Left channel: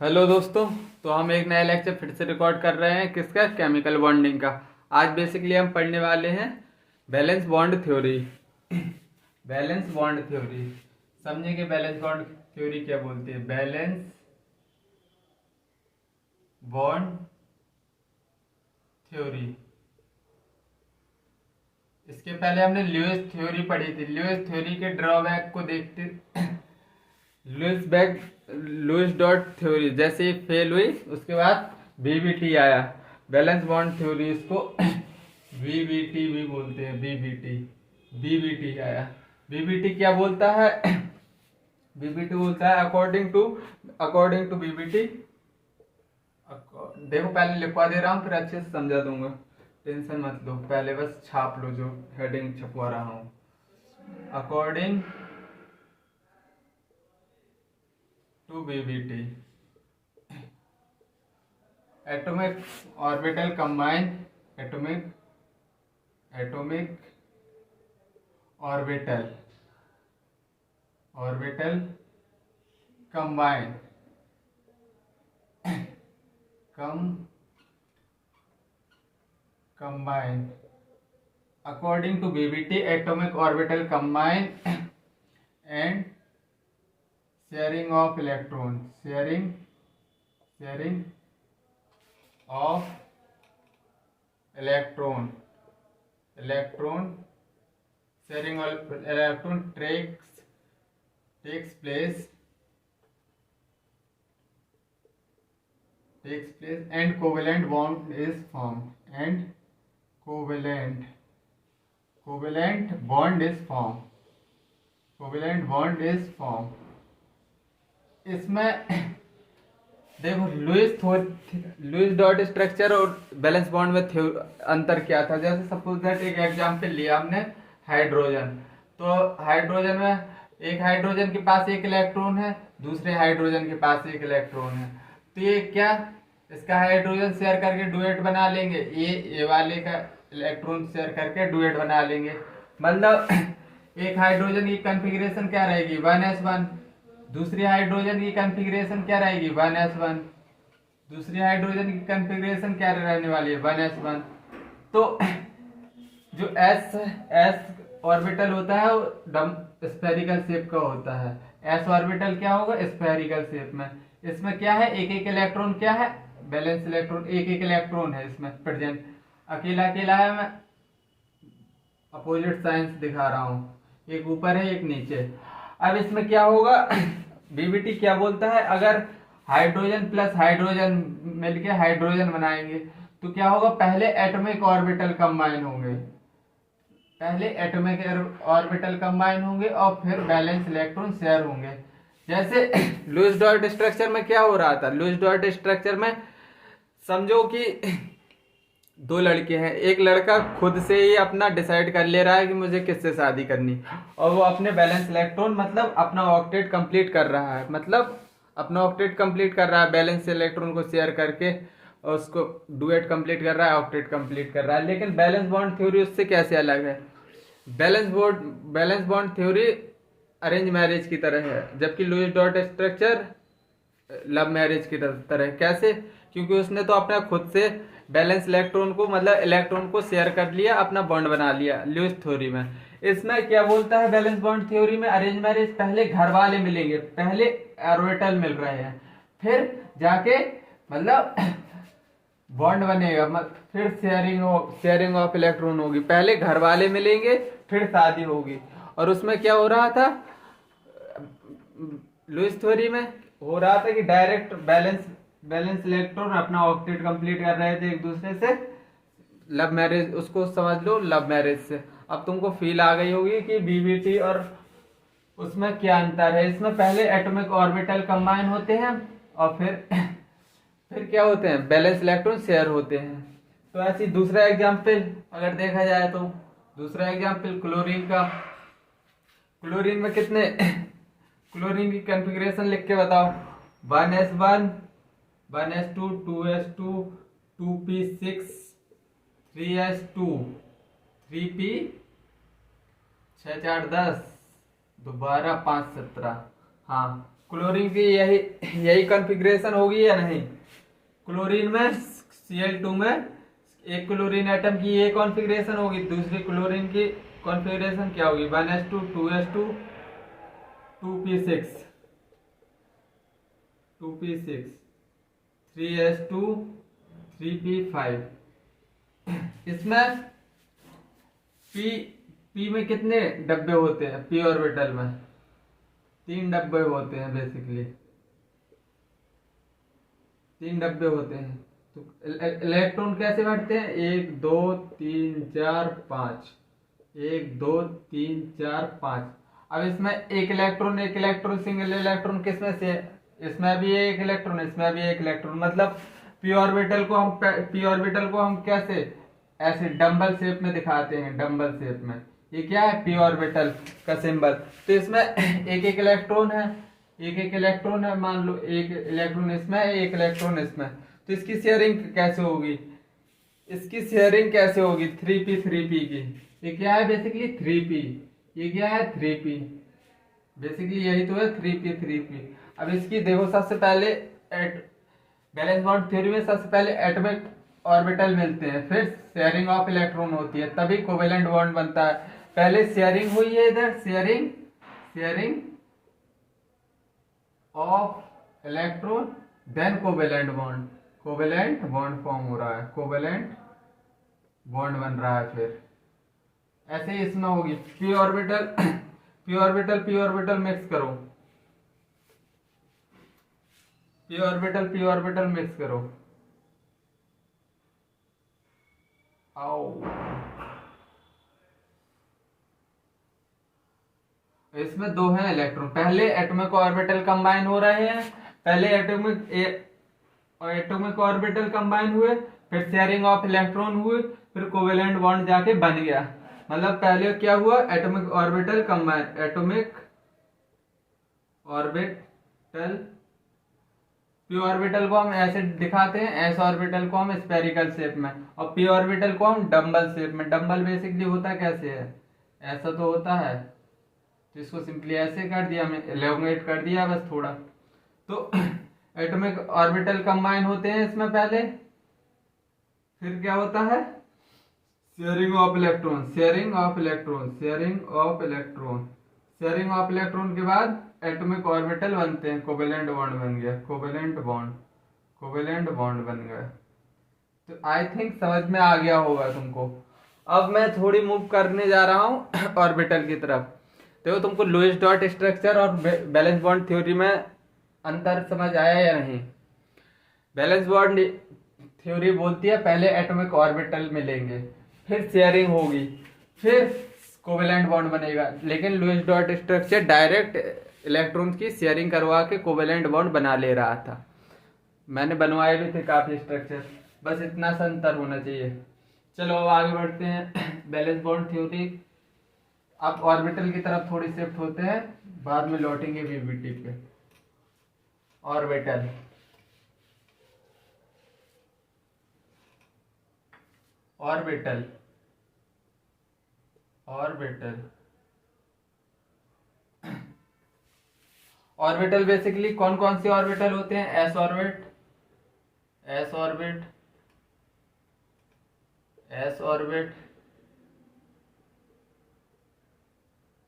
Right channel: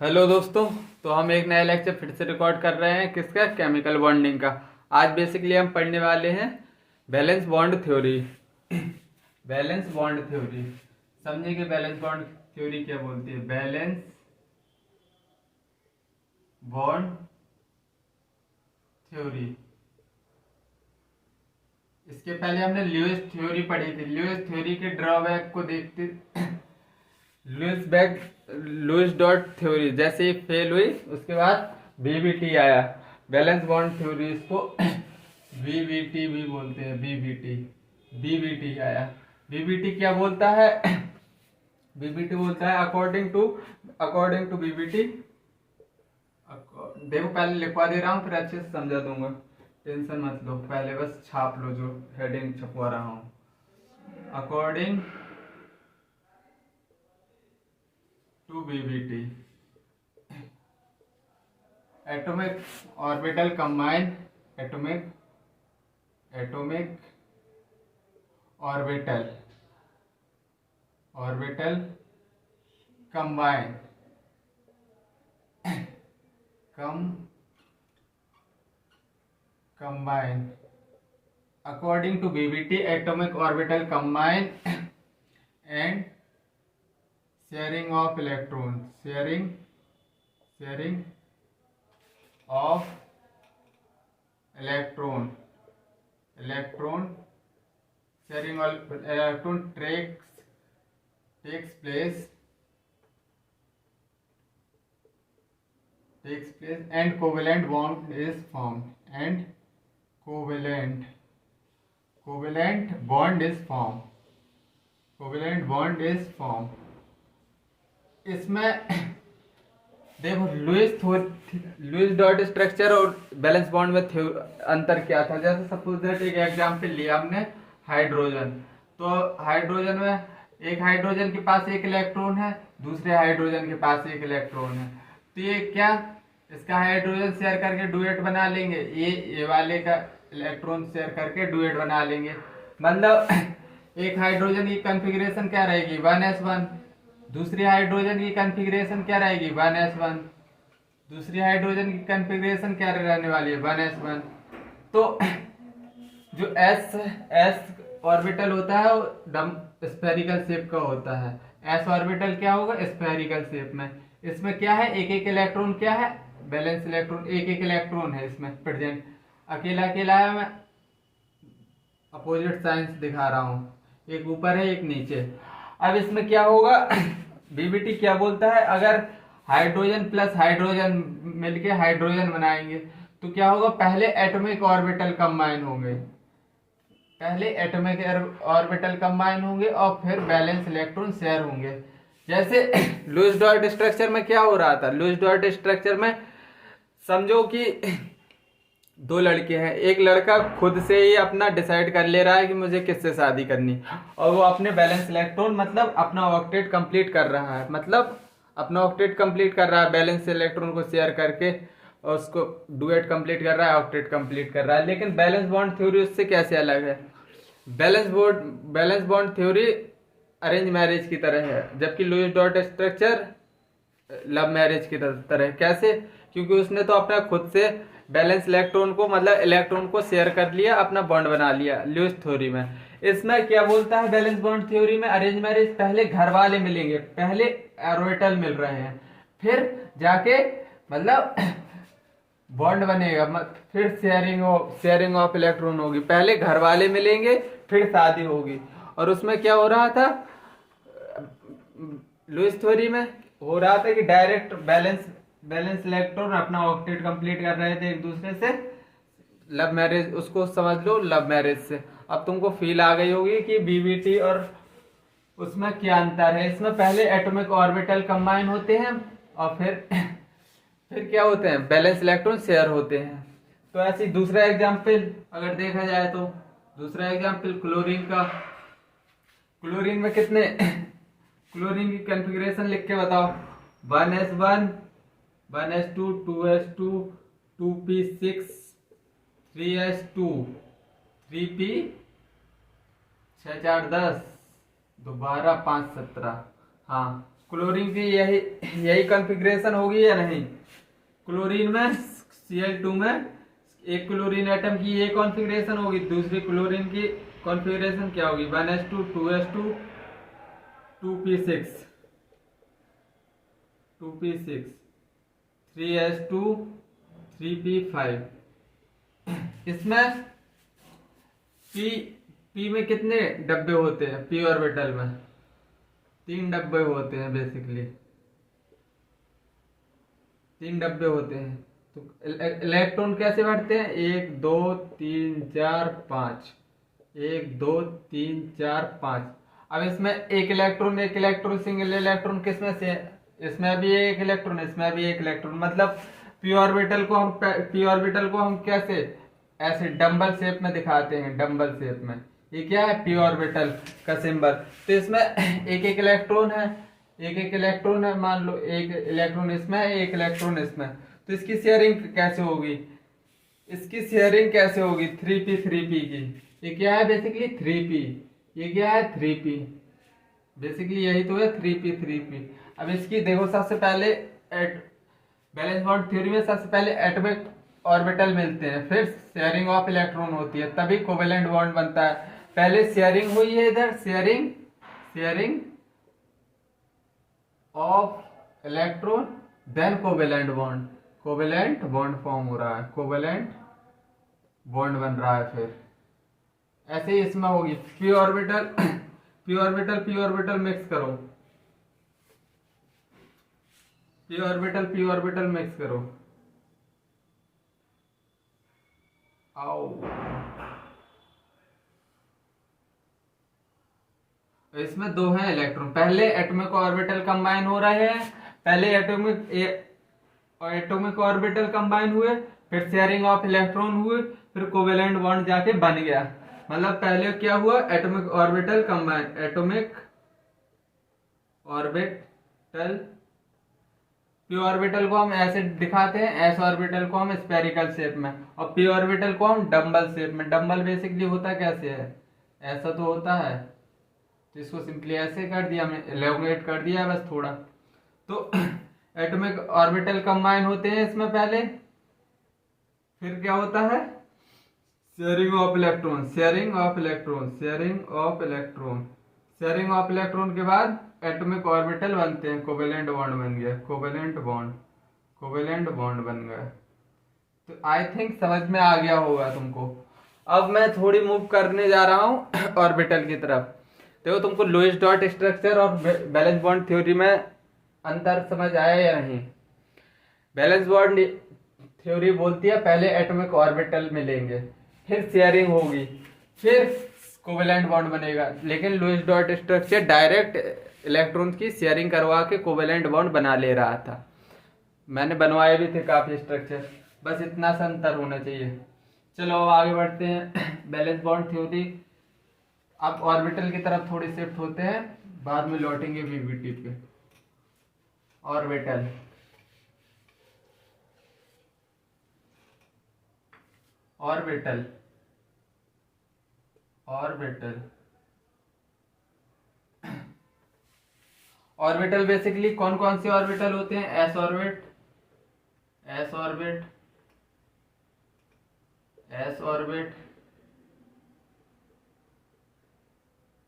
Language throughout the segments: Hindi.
हेलो दोस्तों। तो हम एक नया लेक्चर फिर से रिकॉर्ड कर रहे हैं, किसका? केमिकल बॉन्डिंग का। आज बेसिकली हम पढ़ने वाले हैं valence bond theory. Balance bond theory समझेंगे। बैलेंस बॉन्ड थ्योरी क्या बोलती है? Valence bond theory. इसके पहले हमने ल्यूइस थ्योरी पढ़ी थी। ल्यूइस थ्योरी के ड्रॉबैक को देखते लुईस डॉट थ्योरी जैसे ही फेल हुई, उसके बाद बीबीटी आया, बैलेंस बॉन्ड थ्योरी। इसको बीबीटी भी बोलते हैं। बीबीटी आया। बीबीटी क्या बोलता है? बीबीटी बोलता है अकॉर्डिंग टू बीबीटी। देखो, पहले लिखवा दे रहा हूँ, फिर अच्छे से समझा दूंगा, टेंशन मत लो। पहले बस छाप लो जो हेडिंग छपवा रहा हूँ। According to BBT, atomic orbital combine, atomic orbital combine combine according to BBT, atomic orbital combine and sharing of electrons, sharing of electron sharing of electron takes place and covalent bond is formed, and covalent bond is formed। इसमें देखो, लुईस डॉट स्ट्रक्चर और बैलेंस बॉन्ड में अंतर क्या था। जैसे सपोज दैट एक एग्जांपल लिया हमने, हाइड्रोजन। तो हाइड्रोजन में एक हाइड्रोजन के पास एक इलेक्ट्रॉन है, दूसरे हाइड्रोजन के पास एक इलेक्ट्रॉन है। तो ये क्या, इसका हाइड्रोजन शेयर करके डुएट बना लेंगे, ये वाले का इलेक्ट्रॉन शेयर करके डुएट बना लेंगे। मतलब एक हाइड्रोजन की कॉन्फ़िगरेशन क्या रहेगी? 1s1। दूसरी हाइड्रोजन की कॉन्फ़िगरेशन क्या रहेगी? 1s1। दूसरी हाइड्रोजन की कॉन्फ़िगरेशन क्या रहने वाली है? 1s1। तो जो एस ऑर्बिटल होता है वो स्फेरिकल शेप का होता है। एस ऑर्बिटल क्या होगा? स्फेरिकल शेप में। इसमें क्या है? एक एक इलेक्ट्रॉन क्या है? बैलेंस इलेक्ट्रॉन, एक एक इलेक्ट्रॉन है इसमें प्रेजेंट। अकेला अकेला है, मैं अपोजिट साइंस दिखा रहा हूँ, एक ऊपर है एक नीचे। अब इसमें क्या होगा? बीबीटी क्या बोलता है? अगर हाइड्रोजन प्लस हाइड्रोजन मिलके हाइड्रोजन बनाएंगे तो क्या होगा? पहले एटॉमिक ऑर्बिटल कंबाइन होंगे और फिर बैलेंस इलेक्ट्रॉन शेयर होंगे। जैसे लुईस डॉट स्ट्रक्चर में क्या हो रहा था? लुईस डॉट स्ट्रक्चर में समझो कि दो लड़के हैं। एक लड़का खुद से ही अपना डिसाइड कर ले रहा है कि मुझे किससे शादी करनी, और वो अपने बैलेंस इलेक्ट्रॉन मतलब अपना ऑक्टेट कंप्लीट कर रहा है, बैलेंस इलेक्ट्रॉन को शेयर करके, और उसको डुएट कंप्लीट कर रहा है, ऑक्टेट कंप्लीट कर रहा है। लेकिन बैलेंस बॉन्ड थ्योरी उससे कैसे अलग है? Valence bond theory arrange marriage की तरह है, जबकि Lewis dot structure love marriage की तरह। कैसे? क्योंकि उसने तो अपना खुद से बैलेंस इलेक्ट्रॉन को मतलब इलेक्ट्रॉन को शेयर कर लिया, अपना बॉन्ड बना लिया लुईस थ्योरी में। इसमें क्या बोलता है बैलेंस बॉन्ड थ्योरी में? अरेंज मैरिज पहले घर वाले मिलेंगे, पहले ऑर्बिटल मिल रहे हैं, फिर जाके मतलब बॉन्ड बनेगा, फिर शेयरिंग ऑफ इलेक्ट्रॉन होगी। पहले घर वाले मिलेंगे, फिर शादी होगी। और उसमें क्या हो रहा था? लुईस थ्योरी में हो रहा था कि डायरेक्ट बैलेंस इलेक्ट्रॉन अपना ऑक्टेट कंप्लीट कर रहे थे एक दूसरे से। लव मैरिज, उसको समझ लो लव मैरिज से। अब तुमको फील आ गई होगी कि बीबीटी और उसमें क्या अंतर है। इसमें पहले एटॉमिक ऑर्बिटल कंबाइन होते हैं और फिर क्या होते हैं? बैलेंस इलेक्ट्रॉन शेयर होते हैं। तो ऐसी दूसरा एग्जाम्पल अगर देखा जाए तो, दूसरा एग्जाम्पल क्लोरीन का। क्लोरीन में कितने क्लोरीन की कॉन्फ़िगरेशन लिख के बताओ। 1s1, 1s2, 2s2, 2p6, 3s2, 3p 6 4 10, 2 12 5 17। हाँ, क्लोरीन की यही यही कॉन्फ़िगरेशन होगी या नहीं? क्लोरीन में Cl2 में एक क्लोरीन एटम की ये कॉन्फ़िगरेशन होगी, दूसरी क्लोरीन की कॉन्फ़िगरेशन क्या होगी? 1s2 2s2 2p6 2p6 3s2 3p5। इसमें पी पी में कितने डब्बे होते हैं? पी ऑर्बिटल में 3 डब्बे होते हैं, बेसिकली 3 डब्बे होते हैं। तो इलेक्ट्रॉन कैसे बढ़ते हैं? 1 2 3 4 5, 1 2 3 4 5। अब इसमें एक इलेक्ट्रॉन सिंगल इलेक्ट्रॉन किसमें से? इसमें भी एक इलेक्ट्रॉन, इसमें भी एक इलेक्ट्रॉन। मतलब पी ऑर्बिटल को हम कैसे ऐसे डंबल शेप में दिखाते हैं, डंबल शेप में। ये क्या है? पी ऑर्बिटल का सिंबल। तो इसमें एक इलेक्ट्रॉन है, मान लो एक इलेक्ट्रॉन इसमें है, एक इलेक्ट्रॉन इसमें। तो इसकी शेयरिंग कैसे होगी? 3p की। ये क्या है? Basically 3p। ये क्या है? 3p। बेसिकली यही तो है 3p। अब इसकी देखो, सबसे पहले बैलेंस बॉन्ड थ्योरी में सबसे पहले एटॉमिक ऑर्बिटल मिलते हैं, फिर शेयरिंग ऑफ इलेक्ट्रॉन होती है, तभी कोवेलेंट बॉन्ड बनता है। पहले शेयरिंग हुई है, इधर sharing of electron, then covalent bond form हो रहा है, कोवेलेंट बॉन्ड बन रहा है। फिर ऐसे ही इसमें होगी पी ऑर्बिटल मिक्स करो, पी ऑर्बिटल मिक्स करो। आओ, इसमें 2 हैं इलेक्ट्रॉन। पहले एटॉमिक ऑर्बिटल कंबाइन हो रहे हैं, पहले एटॉमिक ऑर्बिटल कंबाइन हुए, फिर शेयरिंग ऑफ इलेक्ट्रॉन हुए, फिर कोवेलेंट बॉन्ड जाके बन गया। मतलब पहले क्या हुआ? एटॉमिक ऑर्बिटल पी ऑर्बिटल को हम ऐसे दिखाते हैं, एस ऑर्बिटल को हम स्फेरिकल शेप में, और पी ऑर्बिटल को हम डंबल शेप में। डंबल बेसिकली होता कैसे है? ऐसा तो होता है, तो इसको सिंपली ऐसे कर दिया, मैं एलोंगेट कर दिया बस थोड़ा। तो एटॉमिक ऑर्बिटल कंबाइन होते हैं इसमें पहले, फिर क्या होता है? शेयरिंग ऑफ इलेक्ट्रॉन के बाद एटॉमिक ऑर्बिटल बनते हैं, कोवेलेंट बॉन्ड बन गया, कोवेलेंट बॉन्ड बन गया। तो आई थिंक समझ में आ गया होगा तुमको। अब मैं थोड़ी मूव करने जा रहा हूँ ऑर्बिटल की तरफ। देखो, तुमको लुईस डॉट स्ट्रक्चर और बैलेंस बॉन्ड थ्योरी में अंतर समझ आया या नहीं? बैलेंस बॉन्ड थ्योरी बोलती है पहले एटॉमिक ऑर्बिटल मिलेंगे, फिर शेयरिंग होगी, फिर कोवेलेंट बॉन्ड बनेगा। लेकिन Lewis dot structure direct electron की शेयरिंग करवा के कोवेलेंट बॉन्ड बना ले रहा था। मैंने बनवाए भी थे काफी स्ट्रक्चर, बस इतना सा अंतर होना चाहिए। चलो अब आगे बढ़ते हैं बैलेंस बॉन्ड थ्योरी। अब ऑर्बिटल की तरफ थोड़ी शिफ्ट होते हैं, बाद में लौटेंगे वीबीटी पे। ऑर्बिटल बेसिकली कौन कौन से ऑर्बिटल होते हैं? S orbit,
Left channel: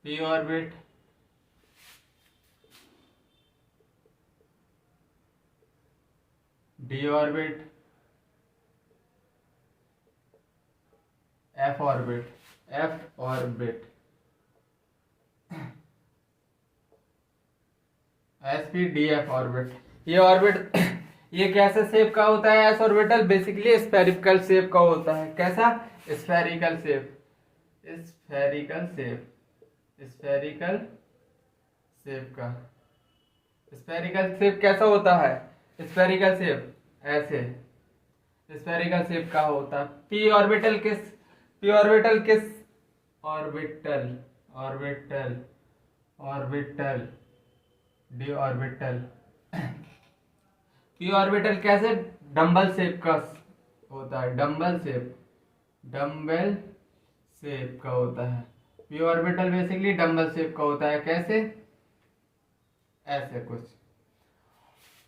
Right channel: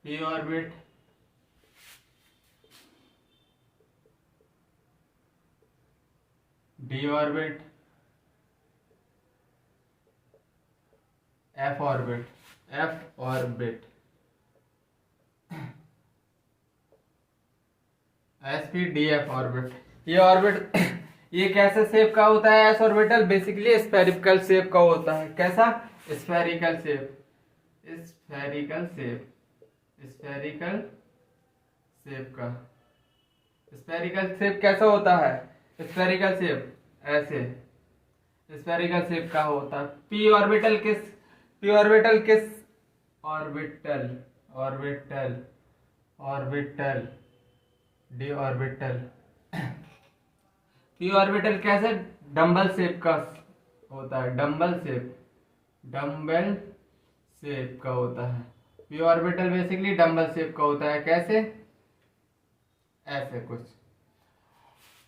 P orbit, D orbit, F orbit, SPDF orbit. ये ऑर्बिट ये कैसे शेप का होता है? S orbital basically spherical shape का होता है। कैसा? स्फेरिकल शेप का। स्फेरिकल शेप कैसा होता है? स्फेरिकल शेप ऐसे स्फेरिकल शेप का होता है। पी ऑर्बिटल किस डी ऑर्बिटल। पी ऑर्बिटल कैसे? डंबल शेप का होता है, डंबल शेप का होता है। P orbital basically dumbbell shape का होता है। कैसे? ऐसे कुछ।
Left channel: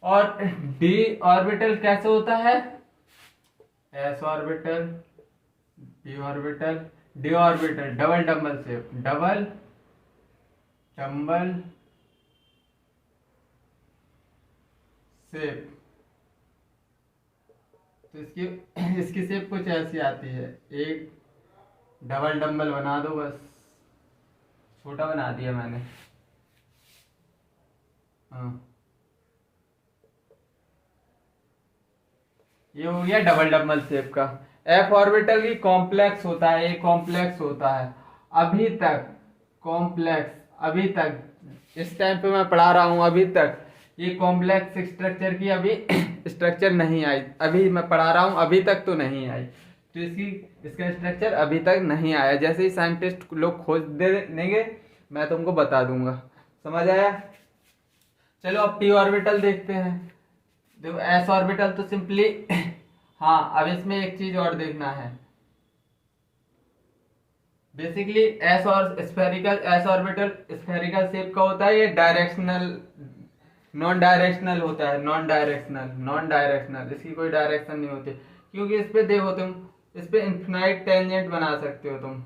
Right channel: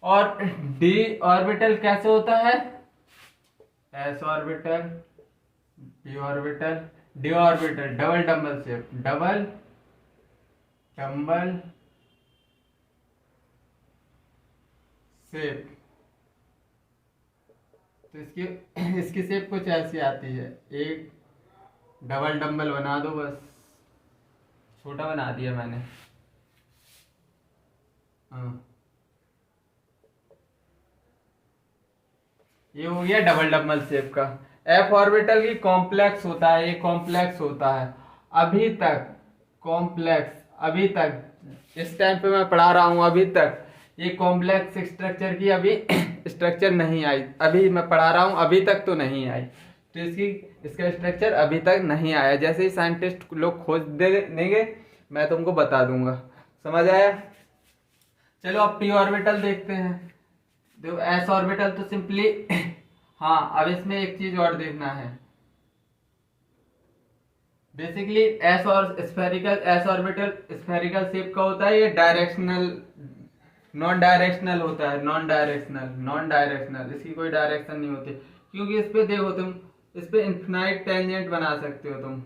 और डी ऑर्बिटल कैसे होता है, S orbital, P orbital, D orbital double double shape, double double shape. तो इसकी इसकी शेप कुछ ऐसी आती है, एक डबल डम्बल बना दो बस, छोटा बना दिया मैंने। हाँ, ये हो गया डबल डम्बल शेप का। एफ ऑर्बिटल की कॉम्प्लेक्स होता है, ये कॉम्प्लेक्स होता है। अभी तक कॉम्प्लेक्स, अभी तक इस टाइम पे मैं पढ़ा रहा हूँ, अभी तक ये कॉम्प्लेक्स स्ट्रक्चर की अभी स्ट्रक्चर नहीं आई। अभी मैं पढ़ा रहा हूँ, अभी तक तो नहीं आई। तो इसका स्ट्रक्चर अभी तक नहीं आया। जैसे ही साइंटिस्ट लोग खोज देंगे मैं तुमको बता दूंगा। समझ आया? चलो अब पी ऑर्बिटल देखते हैं। देखो एस ऑर्बिटल तो सिंपली हाँ, अब इसमें एक चीज और देखना है। बेसिकली एस और spherical, S orbital spherical shape का होता है। ये डायरेक्शनल, नॉन डायरेक्शनल होता है, नॉन डायरेक्शनल, नॉन डायरेक्शनल, इसकी कोई डायरेक्शन नहीं होती। क्योंकि इस पे देखो तुम, इस पे इन्फिनाइट टेंजेंट बना सकते हो तुम,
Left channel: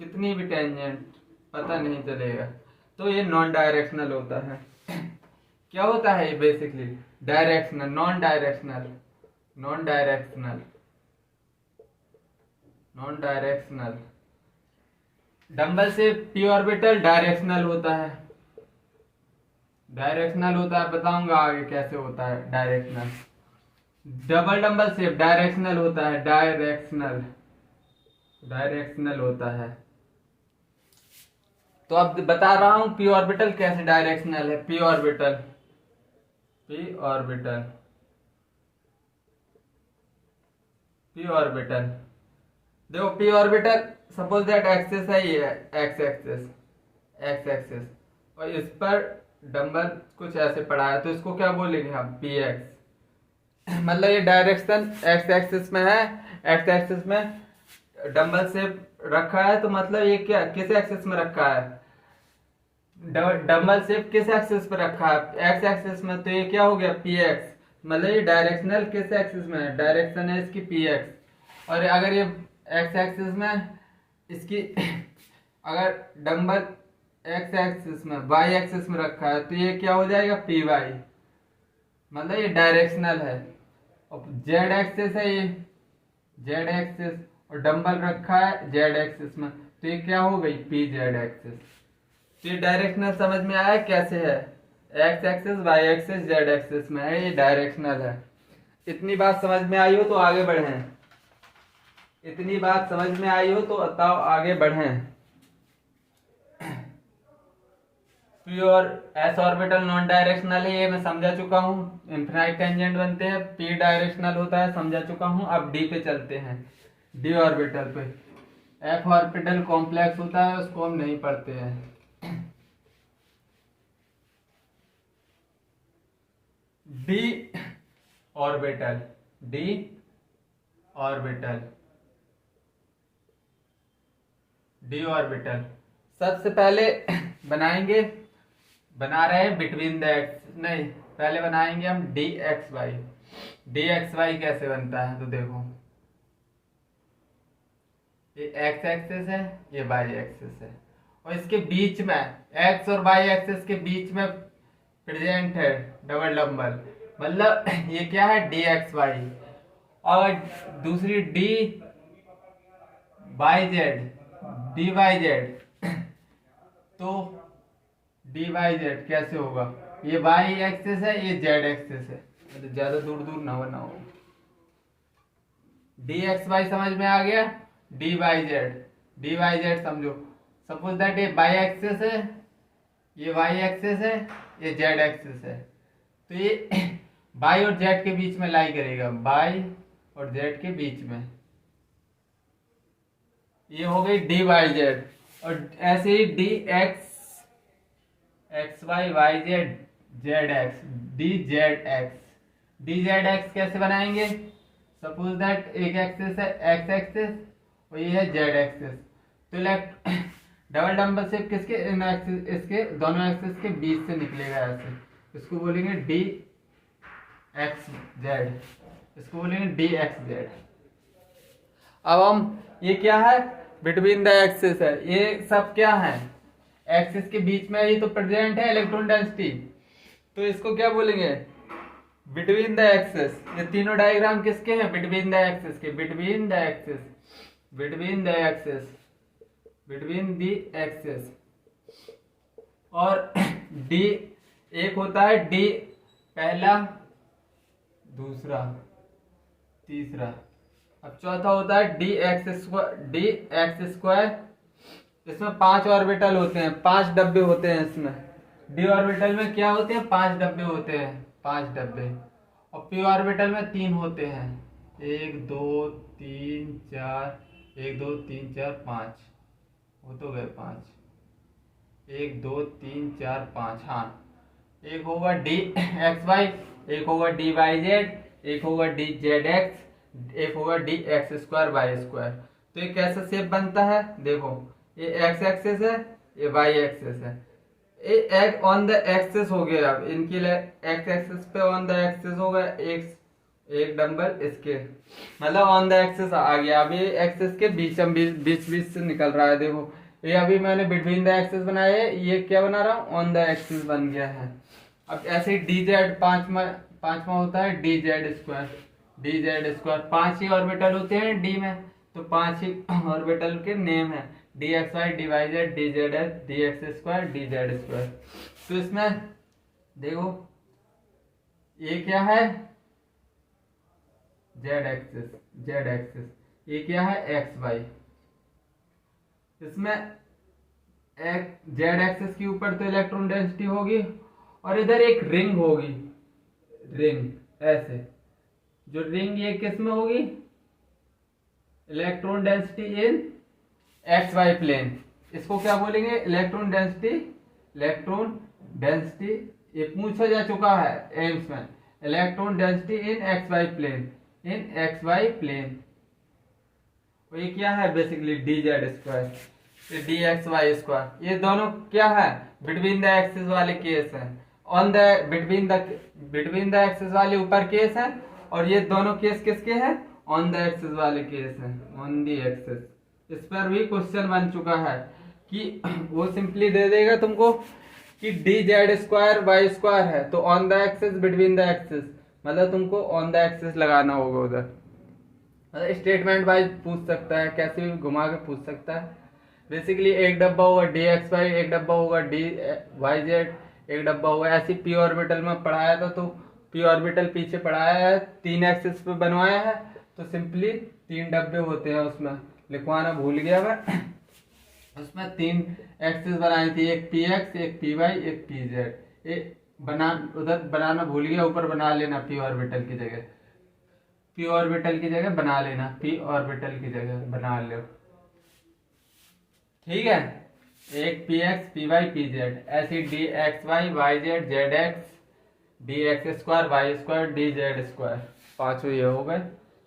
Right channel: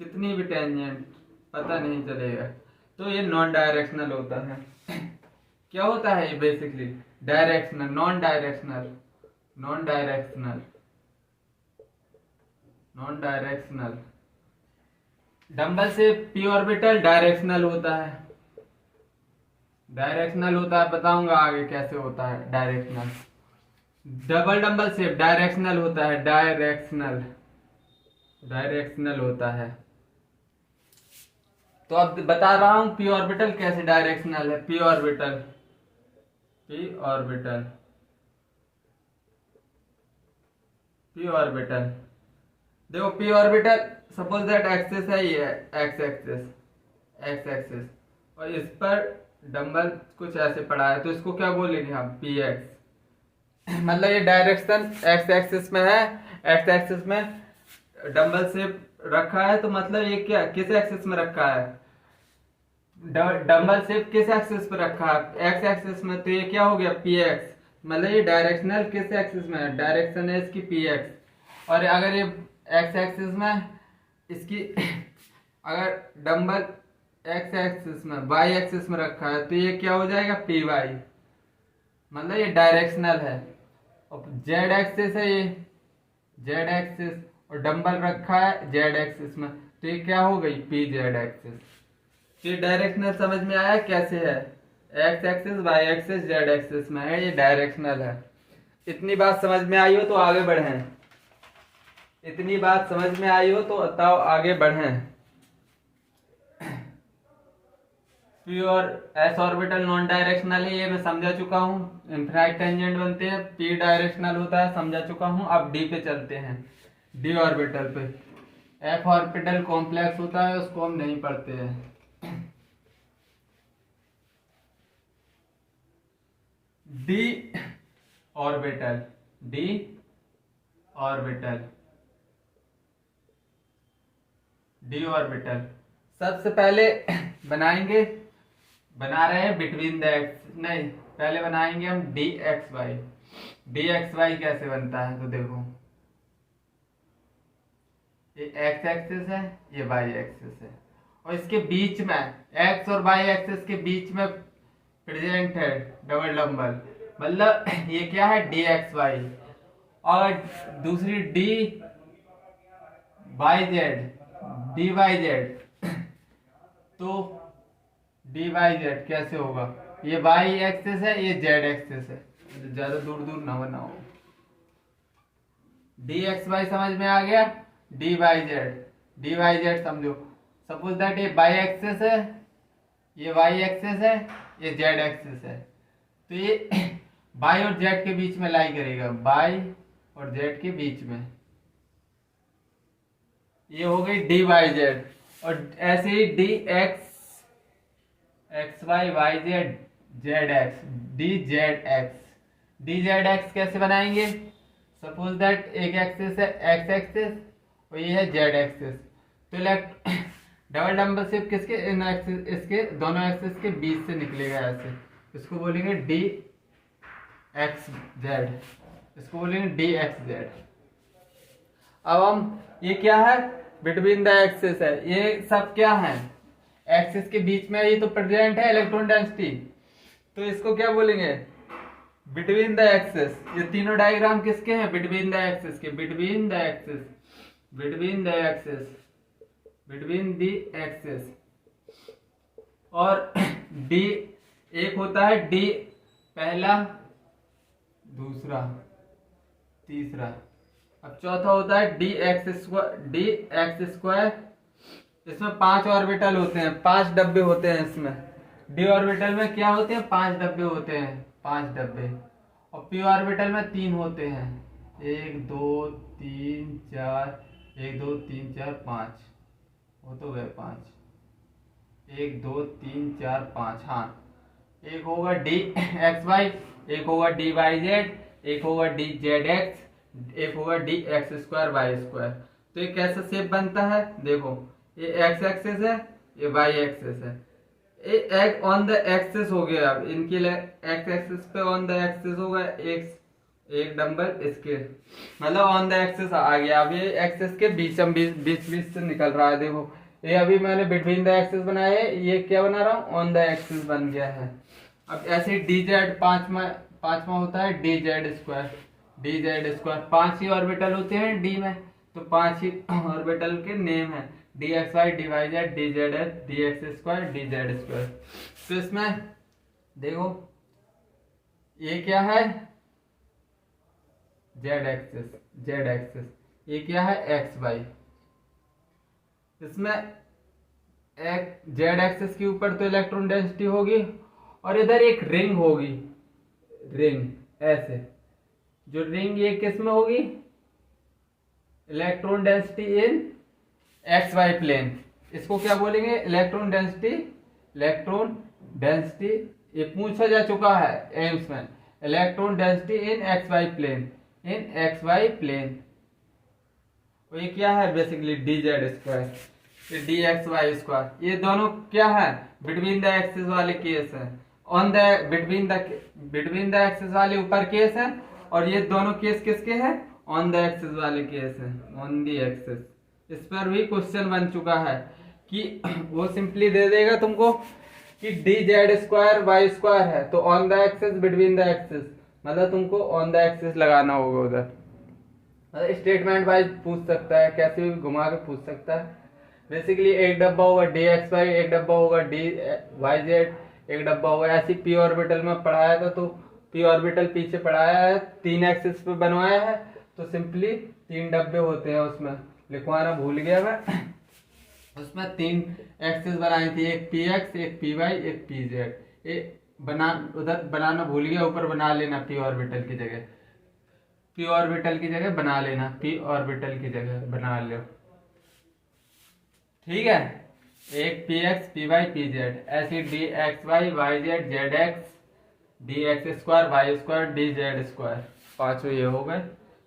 कितनी भी टेंजेंट पता नहीं चलेगा। तो ये नॉन डायरेक्शनल होता है। क्या होता है ये basically? Directional, non directional, non directional, non directional. Dumbbell से पी ऑर्बिटल डायरेक्शनल होता है, डायरेक्शनल होता है। बताऊंगा आगे कैसे होता है directional. Double dumbbell shape directional होता है, डायरेक्शनल, डायरेक्शनल होता है। तो अब बता रहा हूं पी ऑर्बिटल कैसे डायरेक्शनल है। P orbital, P orbital, P orbital, देखो P orbital suppose that axis है, ये एक्स एक्सिस, एक्स एक्सिस, और इस पर डंबल कुछ ऐसे पड़ा है, तो इसको क्या बोलेंगे हम? P x. मतलब ये डायरेक्शन एक्स एक्सिस में है, एक्स एक्सिस में डंबल से रखा है, तो मतलब ये क्या किस एक्सिस में रखा है? डंबल शेप किस एक्सिस पे रखा है? एक्स एक्सिस में। तो ये क्या हो गया? P x. मतलब ये डायरेक्शनल किस एक्सिस में है? डायरेक्शन है इसकी पी एक्स। और अगर ये एक्स एक्सिस में इसकी अगर डंबल एक्स एक्सिस में वाई एक्सिस में रखा है, तो ये क्या हो जाएगा? P y. मतलब ये डायरेक्शनल है। और जेड एक्सिस है, ये जेड एक्सिस, और डंबल रखा है जेड एक्सिस में, तो ये क्या हो गई? P z axis. तो ये डायरेक्शनल समझ में आया कैसे है? X axis, y axis, z axis में है, ये डायरेक्शनल है। इतनी बात समझ में आई हो तो आगे बढ़ें। इतनी बात समझ में आई हो तो बताओ आगे बढ़ें। पी और एस ऑर्बिटल नॉन डायरेक्शनल है, ये मैं समझा चुका हूँ। इनफिनाइट टेंजेंट बनते हैं, पी डायरेक्शनल होता है, समझा चुका हूँ। अब डी पे चलते हैं, डी ऑर्बिटल पे। एफ ऑर्बिटल कॉम्प्लेक्स होता है, उसको हम नहीं पढ़ते हैं। D orbital, D orbital, D orbital सबसे पहले बनाएंगे, बना रहे हैं बिटवीन द एक्स, नहीं पहले बनाएंगे हम d x y. D x y कैसे बनता है? तो देखो ये एक्स एक्सिस है, ये वाई एक्सिस है, और इसके बीच में एक्स और वाई एक्सिस के बीच में प्रेजेंट है डबल डंबल। मतलब ये क्या है? D x y. और दूसरी d y z, d y z. तो डी वाई जेड कैसे होगा? ये वाई एक्सिस है, ये जेड एक्सिस है, तो ज्यादा दूर दूर ना बनाओ। डी एक्स वाई समझ में आ गया? D y z, d y z समझो। सपोज दैट ये वाई एक्सिस है, ये वाई एक्सिस है, ये जेड एक्सिस है, तो ये वाई और जेड के बीच में लाई करेगा, वाई और जेड के बीच में। ये हो गई डी वाई जेड। और ऐसे ही D X, X Y, Y Z, Z X, D Z X. D Z X कैसे बनाएंगे? सपोज दैट एक एक्सिस है एक्स एक्सिस, और ये है जेड एक्सिस। तो डबल नंबर शेप किसके इन एक्सिस, इसके दोनों एक्सिस के बीच से निकलेगा ऐसे, इसको बोलेंगे डी एक्स जेड, इसको बोलेंगे डी एक्स जेड। अब हम ये क्या है, बिटवीन द एक्सिस है, ये सब क्या है, एक्सिस के बीच में ये तो प्रेजेंट है इलेक्ट्रॉन डेंसिटी, तो इसको क्या बोलेंगे, बिटवीन द एक्सिस। ये तीनों डायग्राम किसके हैं, बिटवीन द एक्सिस के, between the axis, between the axis, between the axis. और डी एक होता है डी पहला, दूसरा, तीसरा। अब चौथा होता है d x square, d x square. इसमें 5 ऑर्बिटल होते हैं, 5 डब्बे होते हैं इसमें। डी ऑर्बिटल में क्या होते हैं, 5 डब्बे होते हैं, 5 डब्बे। और पी ऑर्बिटल में 3 होते हैं, 1 2 3 4, 1 2 3 4 5, वो तो गए 5, 1 2 3 4 5। हाँ, एक होगा डी एक्स वाई, एक होगा डी वाई जेड, एक होगा डी जेड एक्स, एक होगा d x square Y square. तो ये कैसा शेप बनता है, देखो ये एक्स एक्सेस है, ये वाई एक्सेस है, ये एक ऑन द एक्सेस हो गया। अब इनकी एक्स एक्सेस पे ऑन द एक्सेस होगा एक डंबल इसके, मतलब ऑन द एक्सेस आ गया। अब ये एक्सेस के बीच बीच से निकल रहा है, देखो ये अभी मैंने बिटवीन द एक्सेस बनाया है, ये क्या बना रहा हूँ, ऑन द एक्सेस बन गया है। अब ऐसे डी जेड पांचवा होता है d Z square, D Z square. 5 ही ऑर्बिटल होते हैं डी में, तो 5 ही ऑर्बिटल के नेम है, d x y, d y z, d z h, d x square, D Z square. तो इसमें देखो ये क्या है, जेड एक्सिस, जेड एक्सिस, ये क्या है, एक्स वाई। इसमें जेड एक्सिस के ऊपर तो इलेक्ट्रॉन डेंसिटी होगी, और इधर एक रिंग होगी, रिंग ऐसे, जो रिंग ये किस में होगी, electron density in x y plane. इसको क्या बोलेंगे, इलेक्ट्रॉन डेंसिटी, इलेक्ट्रॉन डेंसिटी, ये पूछा जा चुका है एम्स में, electron density in x y plane, in x y plane. और ये क्या है, basically d Z square, d x y square. ये दोनों क्या है, बिटवीन द एक्सिस वाले केस है, on the between the axis वाले ऊपर केस है, और ये दोनों केस किसके हैं, ऑन द एक्सिस वाले केस है, ऑन द एक्सिस। इस पर भी क्वेश्चन बन चुका है कि वो सिंपली दे देगा तुमको कि d Z square Y square है, तो on the axis between the axis, मतलब तुमको ऑन द एक्सिस लगाना होगा उधर। मतलब स्टेटमेंट वाइज पूछ सकता है, कैसे भी घुमा के पूछ सकता है। बेसिकली एक डब्बा होगा डी एक्स वाई, एक डब्बा होगा डी वाई जेड, एक डब्बा होगा ऐसी पी ऑर्बिटल में पढ़ाया था, तो पी ऑर्बिटल पीछे पढ़ाया है, 3 एक्सिस पे बनवाया है, तो सिंपली 3 डब्बे होते हैं, उसमें लिखवाना भूल गया मैं। उसमें 3 एक्सिस बनाई थी, एक पी एक्स, एक पी वाई, एक पी जेड। ये उधर बनाना भूल गया, ऊपर बना लेना पी ऑर्बिटल की जगह, पी ऑर्बिटल की जगह बना लेना, पी ऑर्बिटल की जगह बना लो, ठीक है। एक P X, P Y, P Z, ऐसी D x Y, Y Z, Z X, D x square, Y square, D Z square, 5 ये हो गए।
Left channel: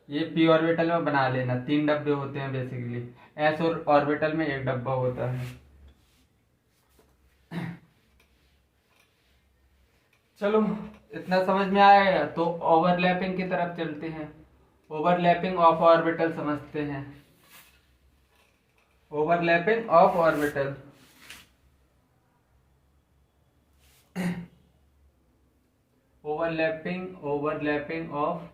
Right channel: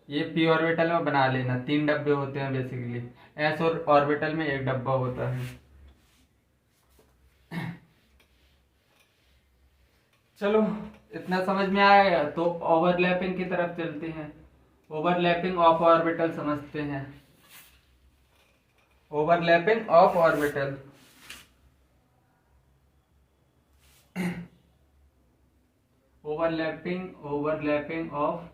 ये पी ऑर्बिटल में बना लेना, 3 डब्बे होते हैं बेसिकली, एस और ऑर्बिटल में 1 डब्बा होता है। चलो इतना समझ में आया, तो ओवरलैपिंग की तरफ चलते हैं। ओवरलैपिंग ऑफ ऑर्बिटल समझते हैं, overlapping of orbital. Overlapping of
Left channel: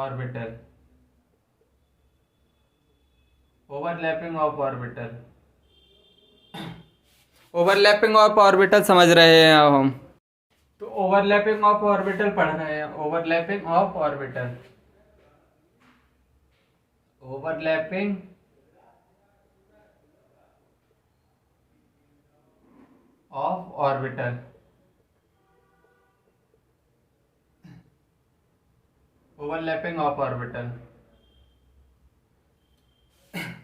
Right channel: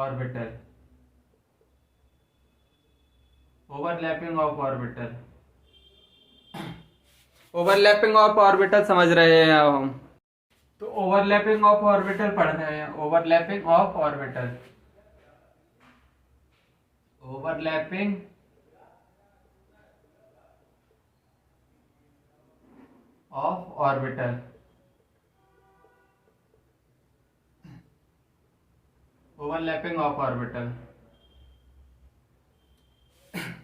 orbital, overlapping of orbital, overlapping of orbital समझ रहे हैं अब हम। तो ओवरलैपिंग ऑफ ऑर्बिटल पढ़ रहे हैं, overlapping of orbital, overlapping of orbital, overlapping of orbital.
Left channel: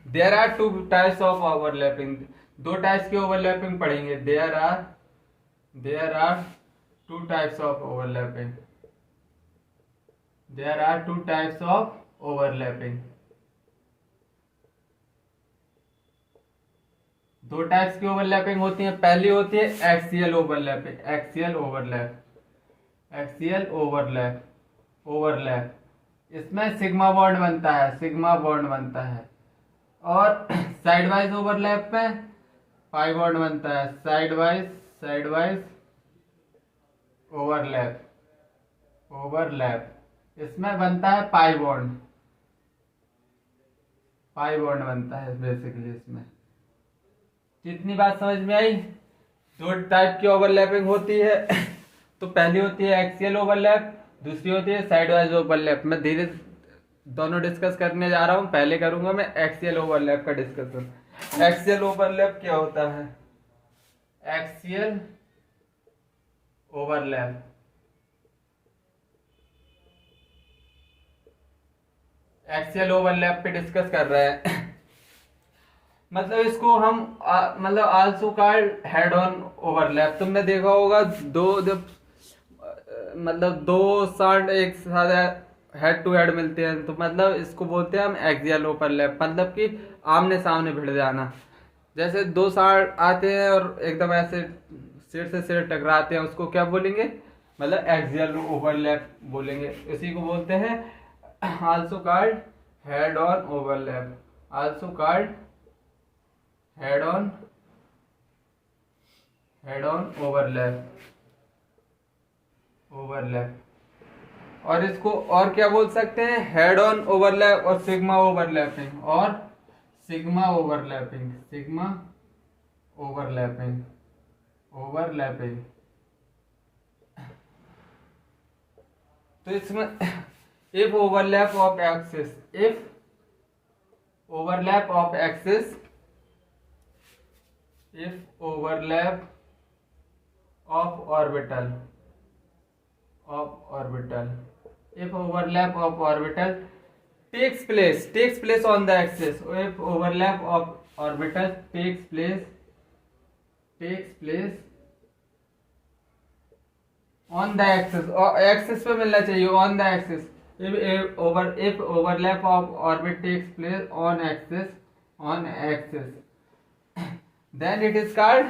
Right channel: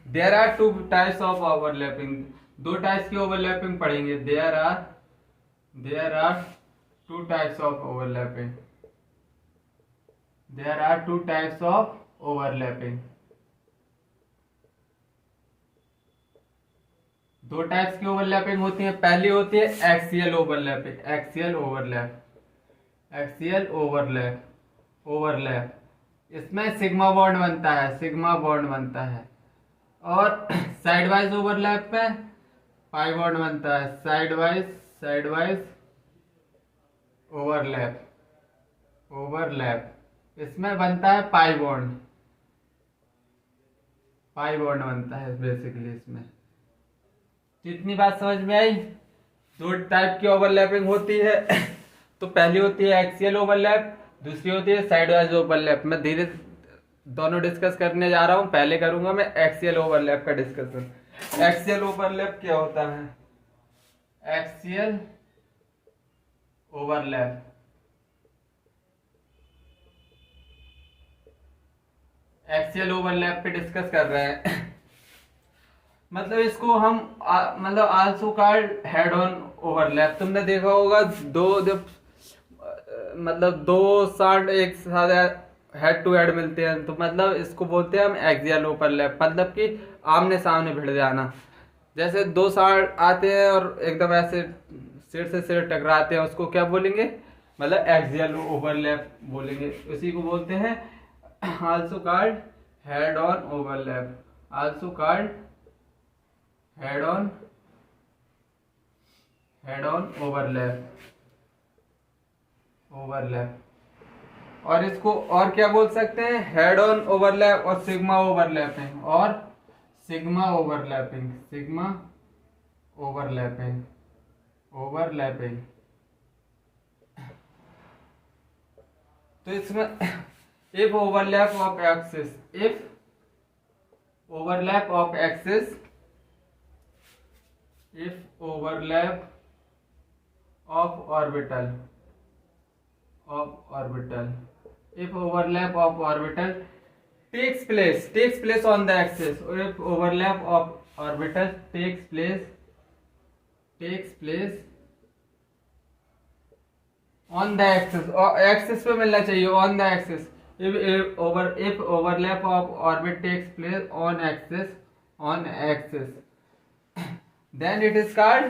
There are 2 types of overlapping, 2 types की ओवरलैपिंग पढ़ेंगे। There are 2 types of overlapping, there are two types of overlapping. दो टाइप्स की ओवरलैपिंग होती है। पहली होती है axial overlapping, axial overlap, axial overlap, overlap. इसमें सिग्मा बॉन्ड बनता है, सिग्मा बॉन्ड बनता है। और साइड वाइज ओवरलैप में पाई बॉन्ड बनता है, side wise, side wise overlap, overlap. इसमें बनता है पाई बॉन्ड, पाई बॉन्ड बनता है बेसिकली इसमें। कितनी बात समझ में आई? दो टाइप की ओवरलैपिंग होती है। तो पहली होती है एक्सियल ओवरलैप, दूसरी होती है साइड वाइज ओवरलैप। मैं धीरे दोनों डिस्कस करने जा रहा हूं। पहले करूंगा मैं एक्सियल ओवरलैप का डिस्कशन। एक्सियल ओवरलैप क्या होता है? एक्सियल ओवरलैप, एक्सियल ओवरलैप पे डिस्कस कर रहे हैं। मतलब इसको हम मतलब also called head on overlap. तुमने देखा होगा दो जब मतलब दो साइड एक साथ हेड टू हेड मिलते हैं तो मतलब इसको बोलते हैं हम एक्सियल ओवरलैप। मतलब कि आमने सामने भिड़ जाना। जैसे दो साइड आते हैं और एकदम ऐसे सिर से सिर टकराते हैं, उसको क्या बोलेंगे? मतलब एक्सियल ओवरलैप बोलेंगे। इसी को बोलते हैं also called head on overlap, also called head on, head on overlap, overlap. और इसको और क्या बोल सकते हैं? हेड ऑन ओवरलैप और सिग्मा ओवरलैपिंग, और sigma overlapping, sigma overlapping, overlapping. तो इसमें if overlap of axis, if overlap of axis, if overlap of orbital, of orbital, if overlap of orbital takes place on the axis, if overlap of orbital takes place on the axis, और एक्सिस पे मिलना चाहिए, on the axis। if overlap of orbit takes place on axis, on axis, then it is called.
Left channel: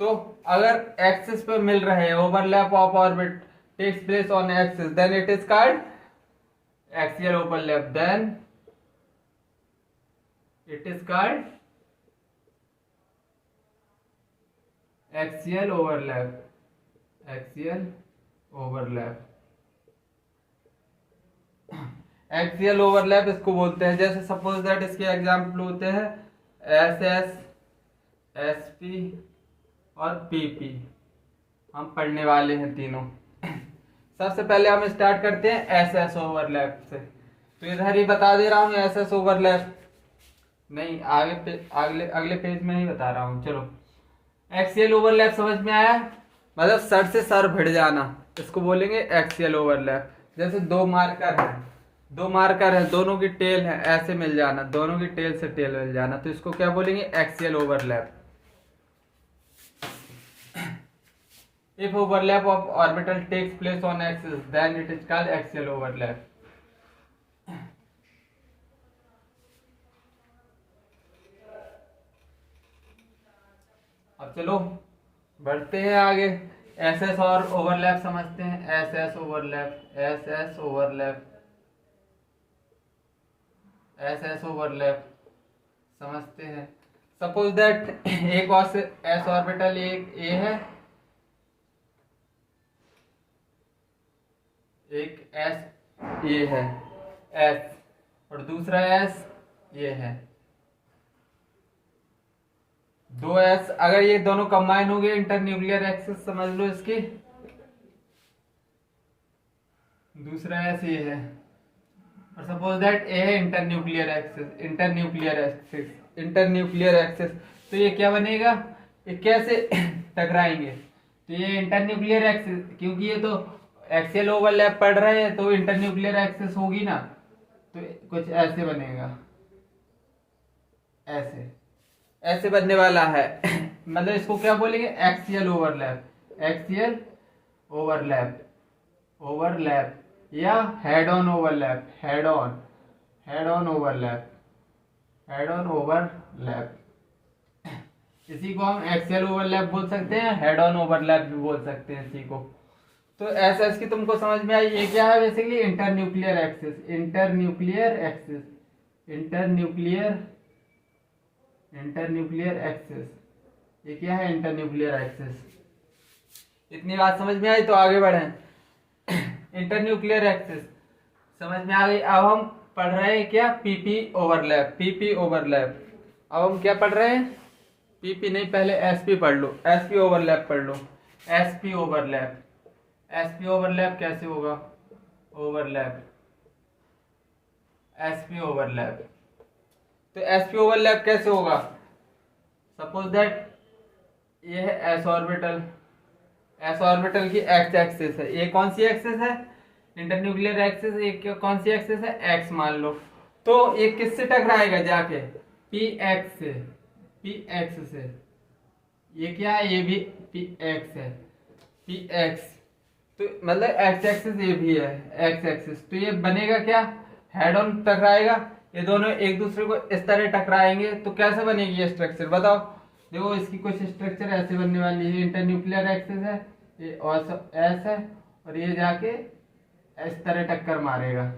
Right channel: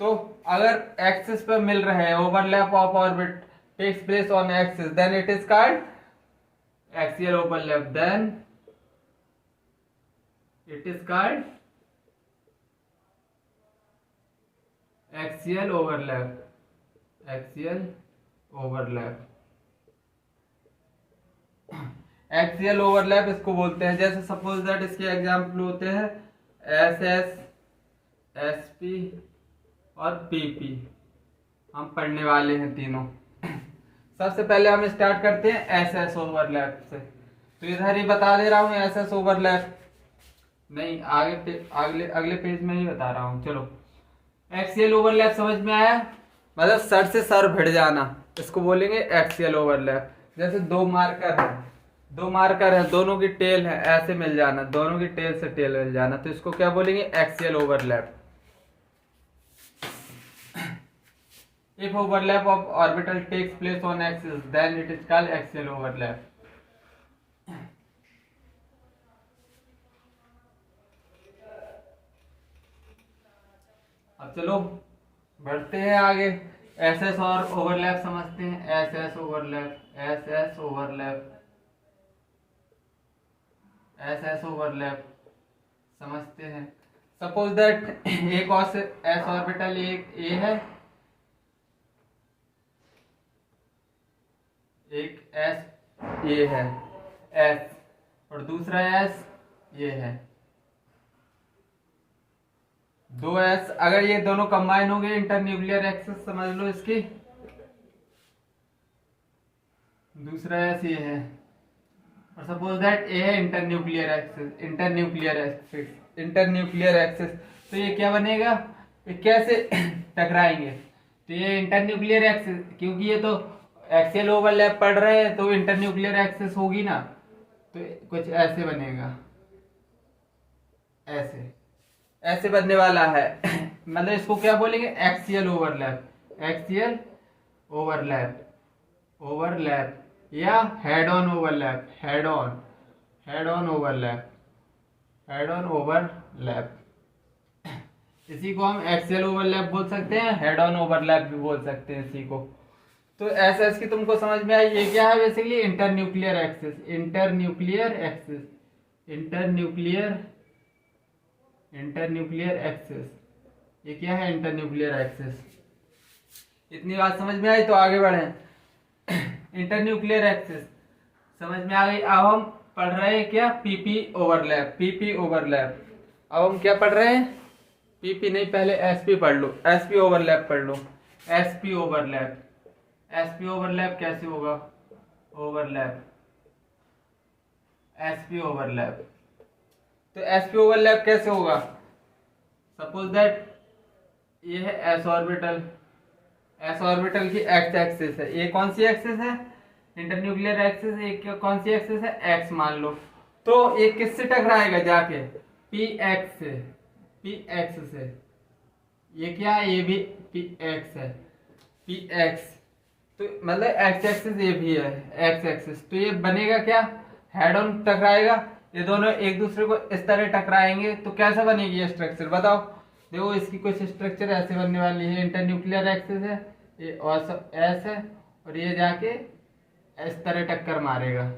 तो अगर एक्सिस पे मिल रहे हैं, overlap of orbit takes place on axis, then it is called axial overlap, then it is called axial overlap, axial overlap. Axial overlap इसको बोलते हैं। जैसे सपोज दैट इसके एग्जाम्पल होते हैं एस एस, एसपी और पीपी। हम पढ़ने वाले हैं तीनों। सबसे पहले हम स्टार्ट करते हैं एसएस ओवरलैप से। तो इधर ही बता दे रहा हूँ एसएस ओवरलैप, नहीं आगे अगले पेज में ही बता रहा हूँ। चलो, एक्सियल ओवरलैप समझ में आया? मतलब सर से सर भिड़ जाना, इसको बोलेंगे एक्सियल ओवरलैप। जैसे दो मार्कर है, दो मार्कर है, दोनों की टेल है, ऐसे मिल जाना, दोनों की टेल से टेल मिल जाना, तो इसको क्या बोलेंगे? Axial overlap. If overlap of orbital takes place on axis, then it is called axial overlap. अब चलो बढ़ते हैं आगे। एस एस और ओवरलैप समझते हैं। S S overlap, S S overlap, S S overlap समझते हैं। सपोज दैट एक और एस ऑर्बिटल एक ए है, एक एस ये है एस, और दूसरा एस ये है। दो एस अगर ये दोनों कंबाइन हो गए, इंटरन्यूक्लियर एक्सिस समझ लो इसकी। दूसरा एस ये है, और सपोज दैट ए है internuclear axis, internuclear axis, internuclear axis. तो ये क्या बनेगा? ये कैसे टकराएंगे? तो ये इंटरन्यूक्लियर एक्सिस, क्योंकि ये तो एक्सियल ओवरलैप पढ़ रहे हैं तो इंटरन्यूक्लियर एक्सिस होगी ना, तो कुछ ऐसे बनेगा, ऐसे ऐसे बनने वाला है। मतलब इसको क्या बोलेंगे? Axial overlap, axial overlap, overlap. या head on overlap, head on overlap, head on overlap. इसी को हम एक्सियल ओवरलैप बोल सकते हैं, हेड ऑन ओवरलैप भी बोल सकते हैं इसी को। तो ऐसा इसकी तुमको समझ में आई, ये क्या है basically internuclear axis, internuclear axis, internuclear internuclear axis, ये क्या है इंटरन्यूक्लियर एक्सिस। इतनी बात समझ में आई तो आगे बढ़े। इंटरन्यूक्लियर एक्सिस समझ में आ गई। अब हम पढ़ रहे हैं क्या, पीपी ओवरलैप, पीपी ओवरलैप। अब हम क्या पढ़ रहे हैं, पीपी नहीं, पहले एसपी पढ़ लो, एसपी ओवरलैप पढ़ लो। एसपी ओवरलैप, एसपी ओवरलैप कैसे होगा, ओवरलैप, एसपी ओवरलैप। तो एसपी ओवरलैप कैसे होगा, सपोज दैट ये है एस ऑर्बिटल, एस ऑर्बिटल की एक्स एक्सिस है, ये कौन सी एक्सिस है, इंटरन्यूक्लियर एक्सिस, ये कौन सी एक्सिस है, एक्स मान लो। तो ये किससे टकराएगा जाके, पी एक्स से, पी एक्स से। ये क्या है, ये भी पी एक्स है, पी एक्स। तो मतलब एक्स एक्सिस ये भी है, एक्स एक्सिस। तो ये बनेगा क्या, हेड ऑन टकराएगा, ये दोनों एक दूसरे को इस तरह टकराएंगे। तो कैसे बनेगी ये स्ट्रक्चर बताओ। देखो इसकी कुछ स्ट्रक्चर ऐसे बनने वाली है, इंटरन्यूक्लियर एक्सिस है, ये और एस है, और ये जाके इस तरह टक्कर मारेगा।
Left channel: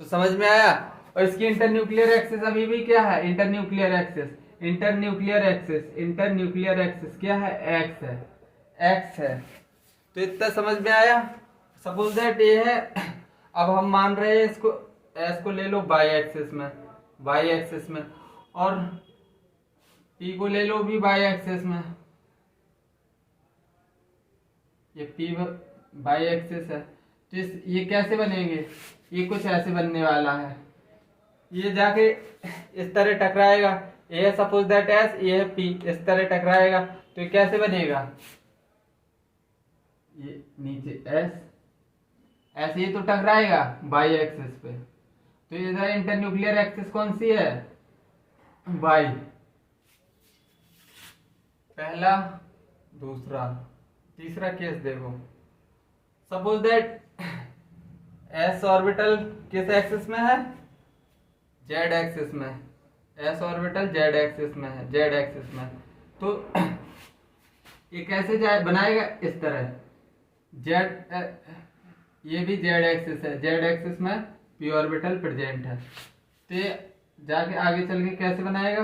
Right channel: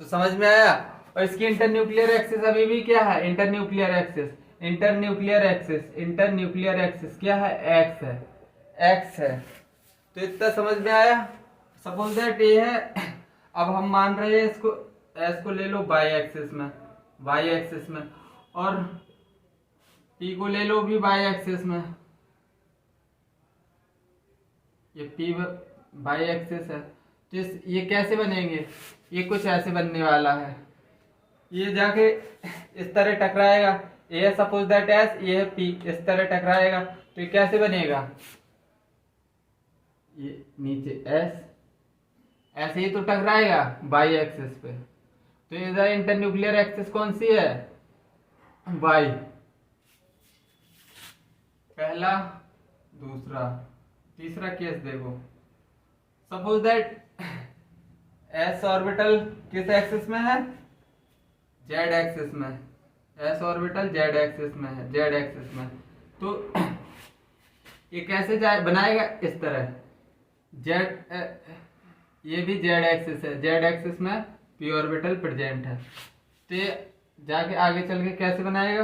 तो समझ में आया। और इसकी इंटरन्यूक्लियर एक्सिस अभी भी क्या है, internuclear axis, internuclear axis, internuclear axis क्या है, एक्स है, एक्स है। तो इतना समझ में आया। सपोज दैट ये है, अब हम मान रहे हैं इसको, एस को ले लो वाई एक्सिस में, वाई एक्सिस में, और पी को ले लो भी वाई एक्सिस में, ये पी वाई एक्सिस है। तो ये कैसे बनेंगे, ये कुछ ऐसे बनने वाला है, ये जाके इस तरह टकराएगा, ये सपोज दैट एस, ये है पी, इस तरह टकराएगा। तो ये कैसे बनेगा, ये नीचे एस, ऐसे ही तो टकराएगा वाई एक्सिस पे। तो इधर इंटरन्यूक्लियर एक्सिस कौन सी है, वाई, पहला, दूसरा, तीसरा केस देखो। सपोज दैट एस ऑर्बिटल किस एक्सिस में है, जेड एक्सिस में, एस ऑर्बिटल जेड एक्सिस में है, जेड एक्सिस में। तो ये कैसे बनाएगा, इस तरह, जेड, ये भी जेड एक्सिस है, जेड एक्सिस में पी ऑर्बिटल प्रेजेंट है। तो ये जाके आगे चल के कैसे बनाएगा,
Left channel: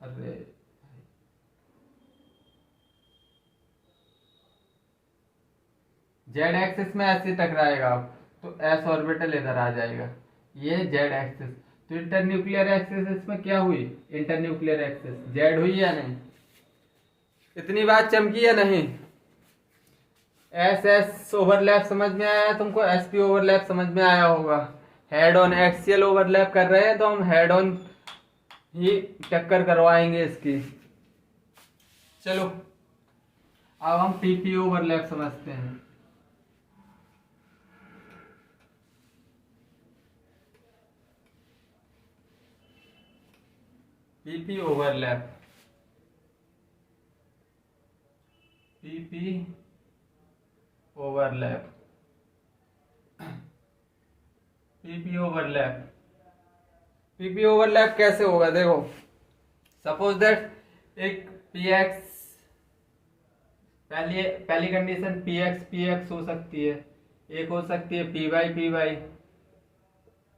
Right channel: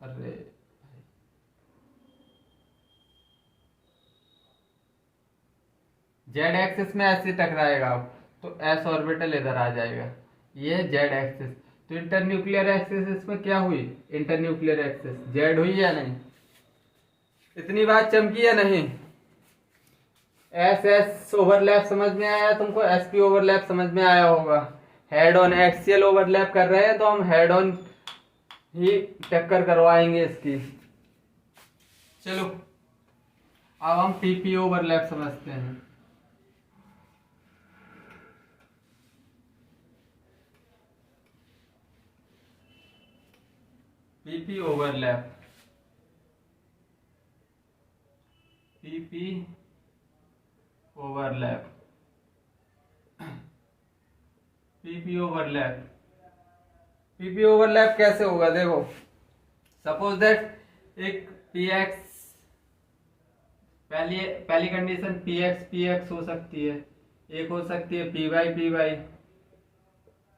अरे जेड एक्सिस में ऐसे टकराएगा अब, तो एस ऑर्बिटल इधर आ जाएगा, ये जेड एक्सिस। तो इंटरन्यूक्लियर एक्सिस इसमें क्या हुई, इंटरन्यूक्लियर एक्सिस जेड हुई या नहीं, इतनी बात चमकी या नहीं। एस एस ओवरलैप समझ में आया तुमको, एसपी ओवरलैप समझ में आया होगा। हेड ऑन एक्सियल ओवरलैप कर रहे हैं तो हम हेड ऑन ही टक्कर करवाएंगे इसकी। चलो अब हम पीपी ओवरलैप समझते हैं। PP overlap, PP overlap, PP overlap, PP overlap कैसे होगा देखो। सपोज दैट एक पी एक्स, पहली कंडीशन पी एक्स हो सकती है, एक हो सकती है पी वाई,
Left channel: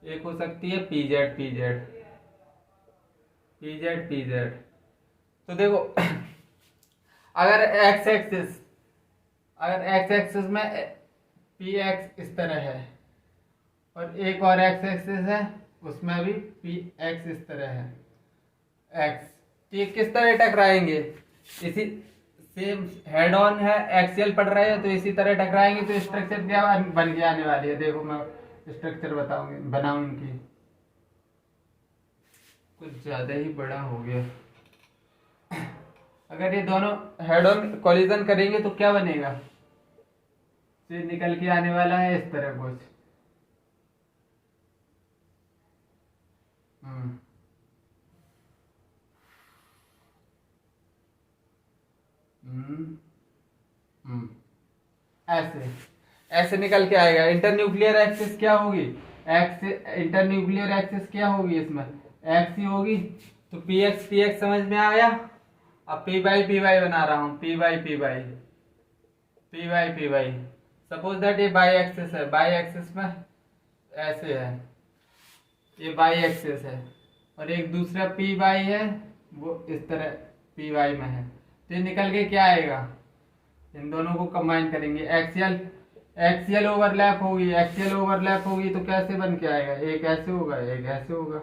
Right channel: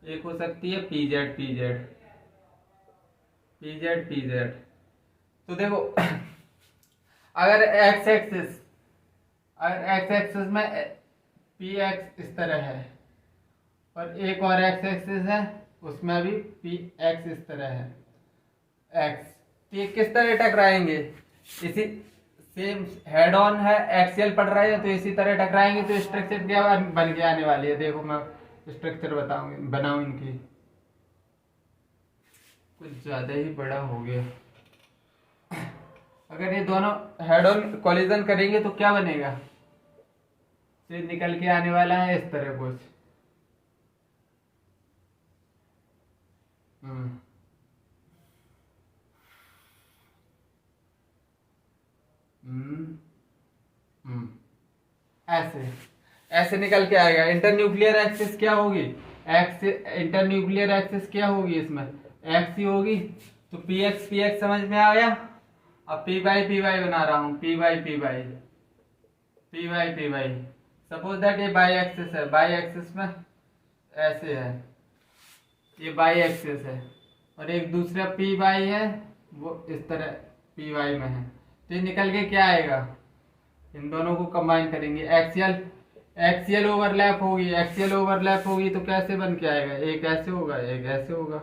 एक हो सकती है पी जेड पी जेड। तो देखो अगर एक्स एक्सिस में पी एक्स इस तरह है, और एक और एक्स एक्सिस है उसमें भी पी एक्स इस तरह है, एक्स। ये किस तरह टकराएंगे, इसी सेम हेड ऑन है, एक्सियल पढ़ रहे हैं तो इसी तरह टकराएंगे। तो स्ट्रक्चर क्या बन के आने वाली है, देखो मैं स्ट्रक्चर बनाऊं इनकी, कुछ ज्यादा ही बड़ा हो गया। अगर ये दोनों हेड ऑन कोलिजन करेंगे तो क्या बनेगा, तो निकल के आने वाला है इस तरह कुछ। ऐसे ऐसे निकल के आएगा। इंटरन्यूक्लियर एक्सिस क्या होगी, इंटरन्यूक्लियर एक्सिस क्या होगी, इसमें एक्स ही होगी। तो पी एक्स समझ में आ गया। अब पी वाई बना रहा हूँ, पी वाई। सपोज दैट ये बाई एक्सिस है, बाई एक्सिस में ऐसे है, ये बाई एक्सिस है, और एक दूसरा पी वाई है, वो इस तरह पी वाई में है। तो ये निकल के क्या आएगा, इन दोनों को कंबाइन करेंगे, एक्सियल ओवरलैप होगी। एक्सियल ओवरलैप होगी तो कैसे बन के आएगा, एक ऐसे होगा एक ऐसे होगा,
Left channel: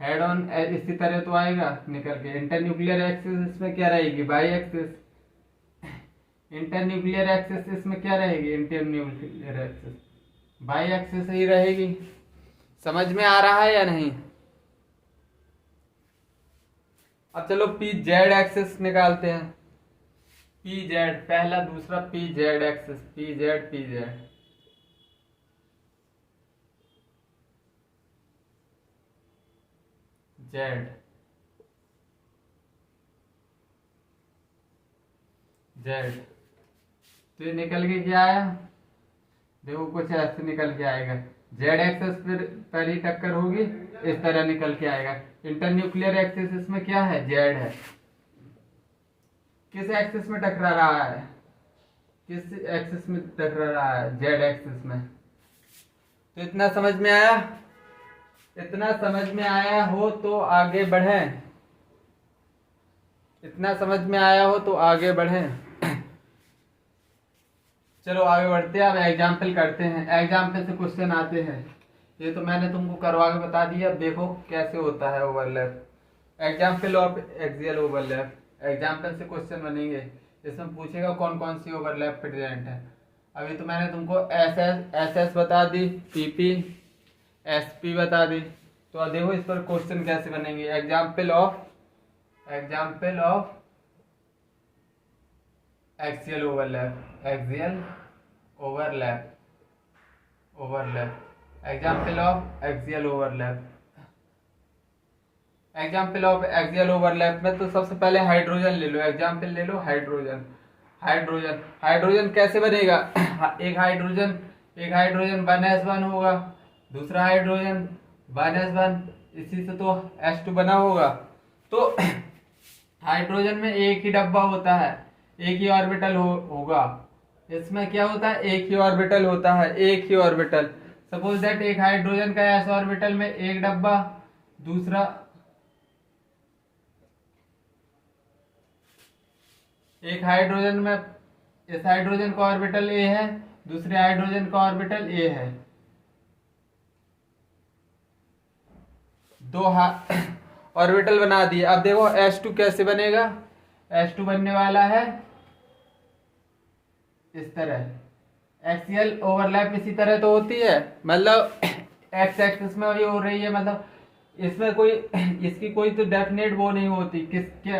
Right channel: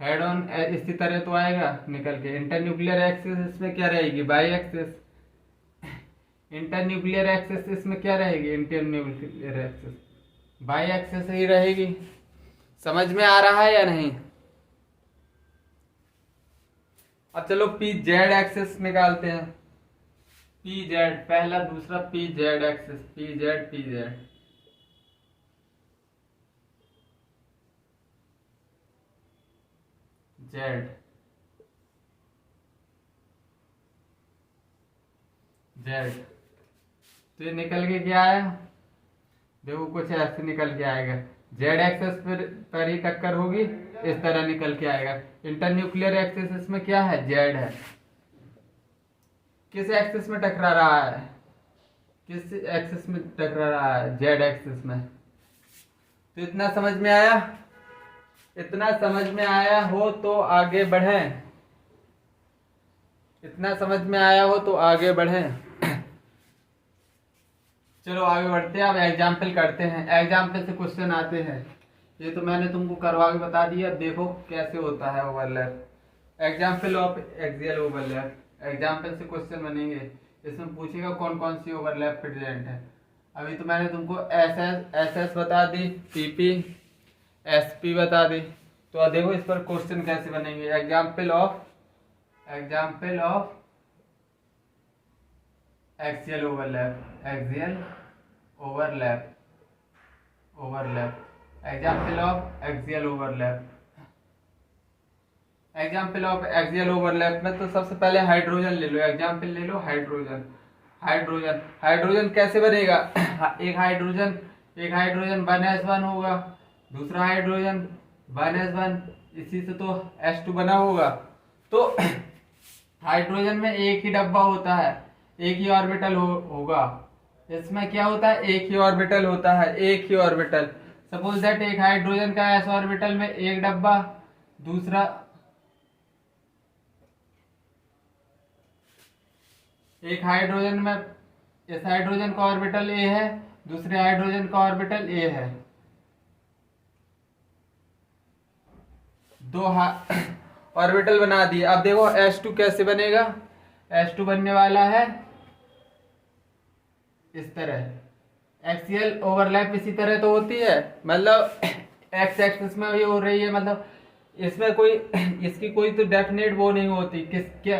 हेड ऑन इसी तरह तो आएगा निकल के। इंटरन्यूक्लियर एक्सिस इसमें क्या रहेगी, बाई एक्सिस। इंटरन्यूक्लियर एक्सिस इसमें क्या रहेगी, इंटरन्यूक्लियर एक्सिस बाई एक्सिस ही रहेगी। समझ में आ रहा है या नहीं। अब चलो पी जेड एक्सिस निकालते हैं। पी जेड पहला, दूसरा P z axis, P Z Z Z. तो ये निकल के क्या आया, देखो कुछ ऐसे निकल के आएगा, जेड एक्सिस पर ही टक्कर होगी, इस तरह निकल के आएगा। इंटरन्यूक्लियर एक्सिस इसमें क्या है, जेड है। किस एक्सिस में टकरा रहा है, किस एक्सिस में टकरा रहा है, जेड एक्सिस में। तो इतना समझ में आया, इतना समझ में आया हो तो आगे बढ़ें, इतना समझ में आया हो तो आगे बढ़ें। चलो आगे बढ़ते हैं, अब एग्जाम्पल करते हैं। एग्जाम्पल से क्वेश्चन आते हैं, ये तो मैंने तुमको करवा के बता दिया, अब देखो कैसे होता है overlap. Example of axial overlap, example से क्वेश्चन बनेंगे, इसमें पूछेगा कौन कौन सी ओवरलैप प्रेजेंट है। अभी तो मैंने तुमको एस एस बता दी, पीपी एसपी बता दी। तो अब देखो इस पर क्वेश्चन कैसे बनेंगे। Example of axial overlap, example of axial overlap में तो सबसे पहले हाइड्रोजन ले लो, एग्जाम्पल ले लो हाइड्रोजन कैसे बनेगा। एक हाइड्रोजन 1s1 होगा, दूसरा हाइड्रोजन 1s1, इसी से तो H2 बना होगा। तो हाइड्रोजन में एक ही डब्बा होता है, एक ही ऑर्बिटल होगा। इसमें क्या होता है, एक ही ऑर्बिटल होता है, एक ही ऑर्बिटल। सपोज दैट एक हाइड्रोजन का s ऑर्बिटल में एक डब्बा, दूसरा एक हाइड्रोजन में, इस हाइड्रोजन का ऑर्बिटल a है, दूसरे हाइड्रोजन का ऑर्बिटल a है। दो ऑर्बिटल बना दिए। अब देखो H2 कैसे बनेगा, H2 बनने वाला है इस तरह। एक्सियल ओवरलैप इसी तरह तो होती है, मतलब एक्स एक्सिस में ये हो रही है, मतलब इसमें कोई इसकी कोई तो डेफिनेट वो नहीं होती, किस क्या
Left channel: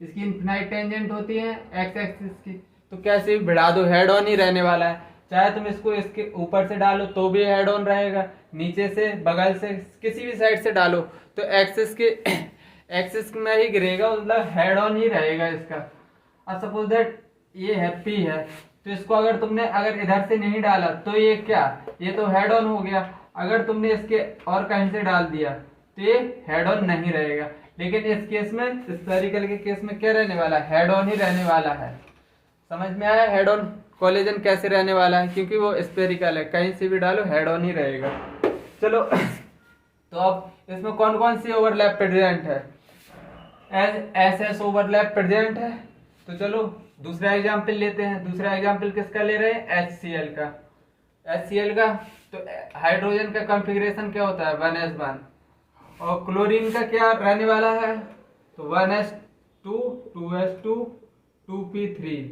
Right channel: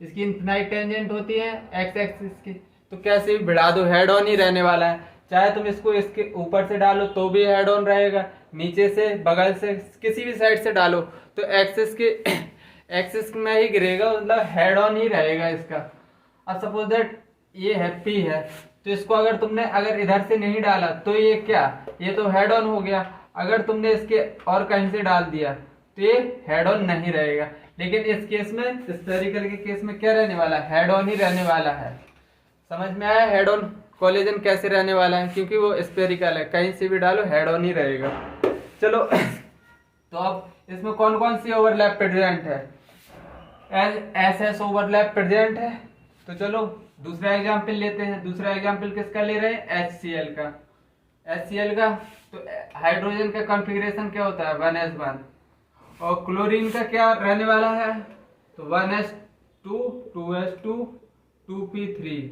इसकी इनफिनाइट टेंजेंट होती है एक्स एक्सिस की। तो कैसे भी भिड़ा दो, हेड ऑन ही रहने वाला है। चाहे तुम इसको इसके ऊपर से डालो तो भी हेड ऑन रहेगा, नीचे से, बगल से, किसी भी साइड से डालो तो एक्सिस में ही गिरेगा, मतलब हेड ऑन ही रहेगा इसका। अब सपोज दैट ये है पी है, तो इसको अगर तुमने अगर इधर से नहीं डाला तो ये क्या, ये तो हेड ऑन हो गया। अगर तुमने इसके और कहीं से डाल दिया तो ये हेड ऑन नहीं रहेगा। लेकिन इस केस में, स्फेरिकल के केस में क्या रहने वाला है, हेड ऑन ही रहने वाला है। समझ में आया हेड ऑन कोलिजन कैसे रहने वाला है, क्योंकि वो स्फेरिकल है, कहीं से भी डालो हेड ऑन ही रहेगा। चलो तो अब इसमें कौन कौन सी ओवरलैप प्रेजेंट है, एस ओवरलैप प्रेजेंट है। तो चलो दूसरा एग्जाम्पल लेते हैं। दूसरा एग्जाम्पल किसका ले रहे हैं, HCl का। तो हाइड्रोजन का कॉन्फ़िगरेशन क्या होता है, 1s1, और क्लोरीन का क्या रहने वाला है, तो 1s2, 2s2, 2p3,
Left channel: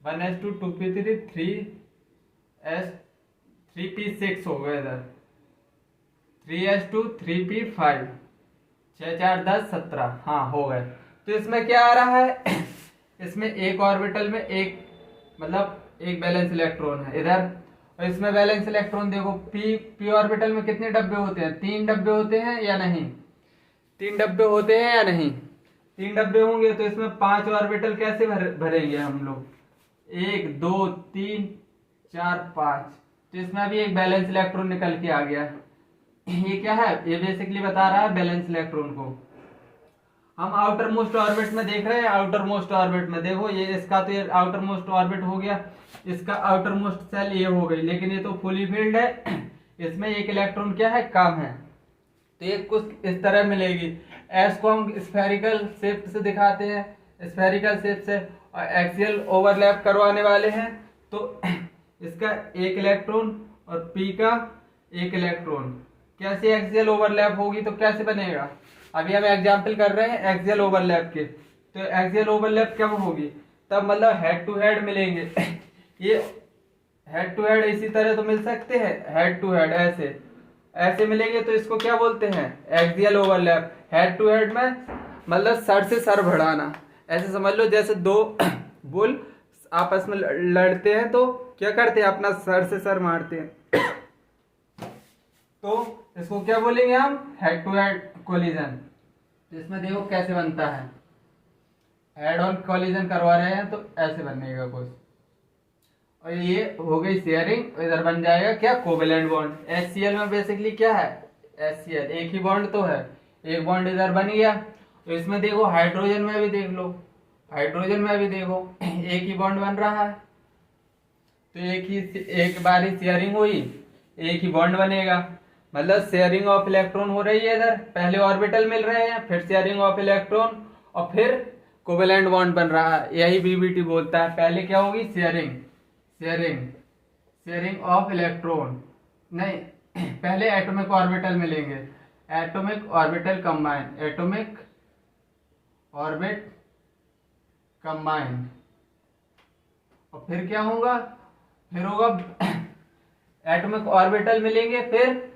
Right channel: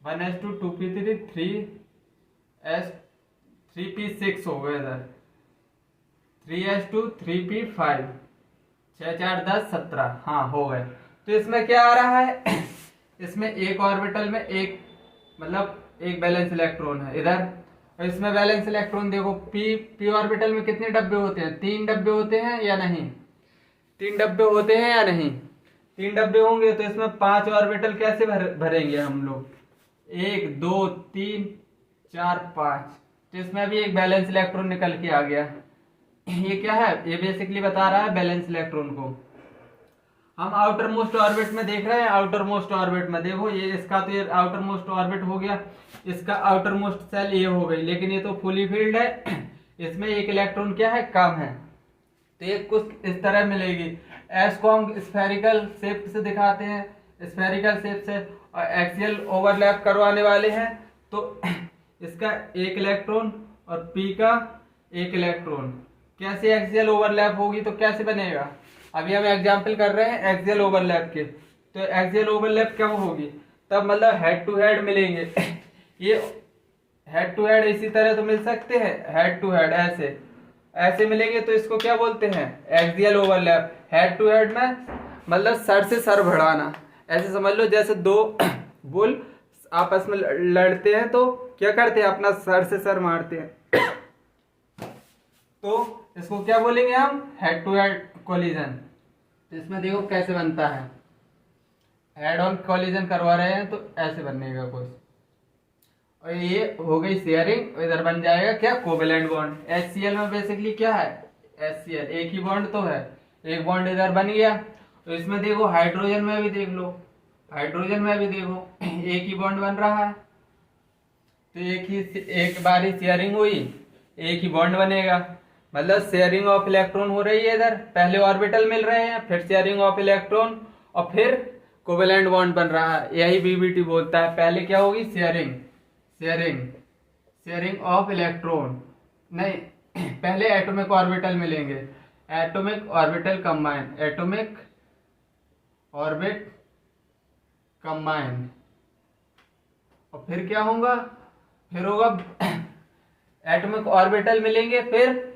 1s2, 2p3, 3p6 हो गया इधर, 3s2, 3p5, 6 4 10 17, हाँ हो गए। तो इसमें क्या आ रहा है, इसमें एक ऑर्बिटल में एक, मतलब एक बैलेंस इलेक्ट्रॉन है इधर, और इसमें बैलेंस इलेक्ट्रॉन देखो पी ऑर्बिटल में कितने डब्बे होते हैं, 3 डब्बे होते हैं या नहीं, 3 डब्बे होते हैं या नहीं, 3 डब्बे होंगे तो इसमें 5 ऑर्बिटल कैसे भरेंगे हम लोग, 1 2 3 4 5। तो इसमें अभी एक बैलेंस इलेक्ट्रॉन निकल के आ गया। ये क्या है, ये बेसिकली बता रहा है बैलेंस इलेक्ट्रॉन को। हम आउटर मोस्ट ऑर्बिट में देख रहे हैं, आउटर मोस्ट ऑर्बिट में देखो ये इसका तो ये आउटर मोस्ट ऑर्बिट हो गया, इसका आउटर मोस्ट सेल ये हो गई, लेकिन ये तो फुली फिल्ड है, इसमें एक इलेक्ट्रॉन क्या है, कम है। तो ये कुछ इस तरह मिलेगी। एस को हम स्फेरिकल शेप से दिखाते हैं, स्फेरिकल शेप से, और एक्सियल ओवरलैप करवाने वाले हैं। तो इसका एक इलेक्ट्रॉन और पी का एक इलेक्ट्रॉन, कैसे एक्सियल ओवरलैप होगी तो कैसे बनेगा, अभी हम एग्जांपल कर रहे हैं एक्सियल ओवरलैप के। तो एक्सियल ओवरलैप कब होगी, तब मतलब हेड टू हेड मिलेंगे। ये हेड टू हेड इसी तरह तो मिल सकते हैं, हेड टू हेड ऐसे ऐसे मिलेंगे, तो इसको क्या बोलते हैं, axial overlap. Head to head में मतलब सर से सर बढ़ाना, ऐसे समझ लो जैसे दो बुल आपस में लड़ते हैं तो क्या करते हैं, अपना सर से सर मारते हैं। तो इसको क्या बोलेंगे हम, हेड टू हेड कोलिजन। इसमें देखो कैसे बनता है, हेड ऑन कोलिजन करवा रहे हैं तो ऐसे बनेगा कुछ, और ये हो गई शेयरिंग। इधर बन जाएगा क्या, कोवेलेंट बॉन्ड। HCl में बेसिकली क्या है, HCl एक ही बॉन्ड तो है, एक बॉन्ड इधर बन गया। तो इसमें देखो हाइड्रोजन में भी देख लो, हाइड्रोजन में भी देखो एक ही बॉन्ड बन रहा है, तो एक बार ही शेयरिंग हुई, एक ही बॉन्ड बनेगा, मतलब शेयरिंग ऑफ इलेक्ट्रॉन हो रही है। इधर पहले ऑर्बिटल मिल रहे हैं, फिर शेयरिंग ऑफ इलेक्ट्रॉन, और फिर कोवेलेंट बॉन्ड बन रहा है, यही बीबीटी बोलता है। पहले क्या होगी, sharing sharing sharing of electron, नहीं पहले एटॉमिक ऑर्बिटल मिलेंगे, atomic orbital combine, atomic orbit combine, और फिर क्या होगा, फिर होगा एटॉमिक ऑर्बिटल मिलेंगे, फिर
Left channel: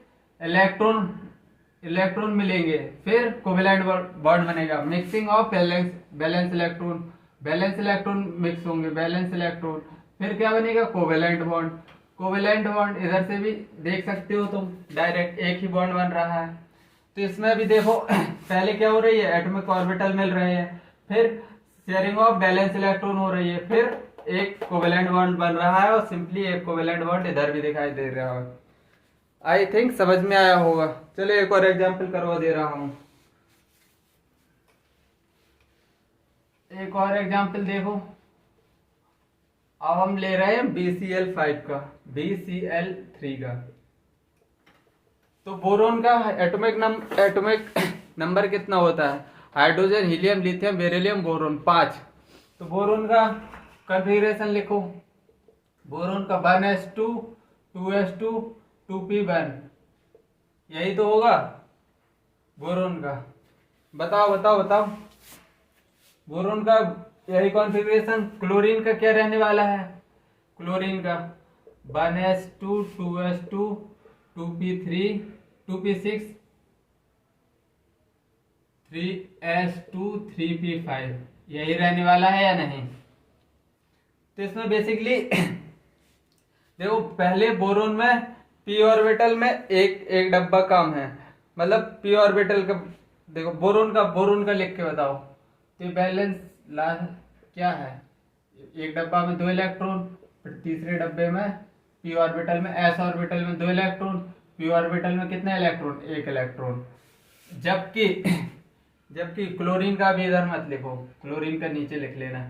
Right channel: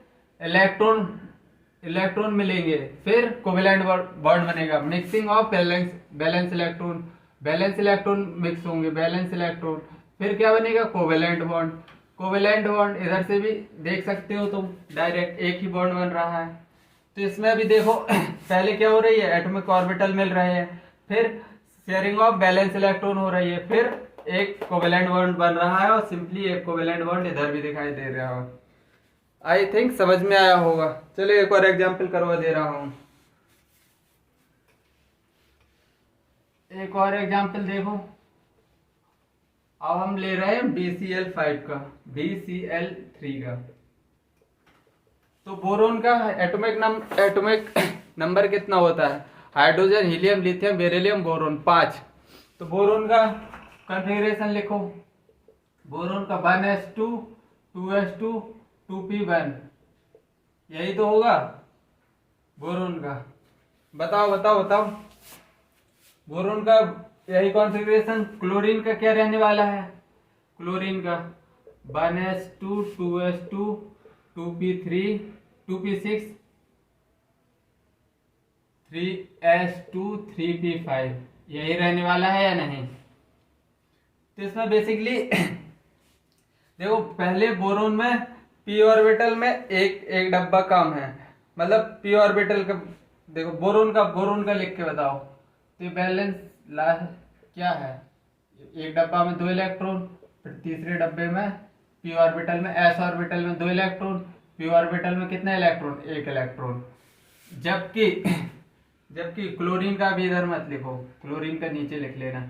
इलेक्ट्रॉन मिलेंगे, फिर कोवेलेंट बॉन्ड बनेगा। Mixing of balance electron mix होंगे, बैलेंस इलेक्ट्रॉन, फिर क्या बनेगा, कोवेलेंट बॉन्ड। कोवेलेंट बॉन्ड इधर से भी देख सकते हो तुम, डायरेक्ट एक ही बॉन्ड बन रहा है। तो इसमें भी देखो पहले क्या हो रही है, एटॉमिक ऑर्बिटल मिल रहे हैं, फिर शेयरिंग ऑफ बैलेंस इलेक्ट्रॉन हो रही है, फिर एक कोवेलेंट बॉन्ड बन रहा है, और सिंपली एक कोवेलेंट बॉन्ड इधर भी दिखाई दे रहा है। आई थिंक समझ में आया होगा। चलो एक और एग्जांपल करवा दे रहा हूं, एक और एग्जांपल देखो। अब हम ले रहे हैं BCl5 का, BCl3 का। तो बोरोन का एटॉमिक नंबर कितना होता है, hydrogen, helium, lithium, beryllium, boron 5। तो बोरोन का कॉन्फ़िगरेशन लिखो, बोरोन का 1s2 2s2 2p1, यही तो होगा बोरोन का। बताओ बोरोन का यही कॉन्फ़िगरेशन। क्लोरीन का क्या रहने वाला है, क्लोरीन का 1s2 2s2 2p3 2p6 3s2 3p5, यही रहने वाला है या नहीं। तो इसमें बेसिकली देखो पहले बोरोन में p ऑर्बिटल में एक डब्बा कम है, मतलब p ऑर्बिटल का देखो, बोरोन का लिख के बताओ। तो बैलेंस क्या है, एक डब्बा में 2 इलेक्ट्रॉन, फिर तीसरे डब्बे में p ऑर्बिटल में, s ऑर्बिटल में 2 इलेक्ट्रॉन, p ऑर्बिटल में कितना इलेक्ट्रॉन, 1 इलेक्ट्रॉन। जबकि क्लोरीन का भी इधर मत लिखो, क्लोरीन का नीचे लिख लेना।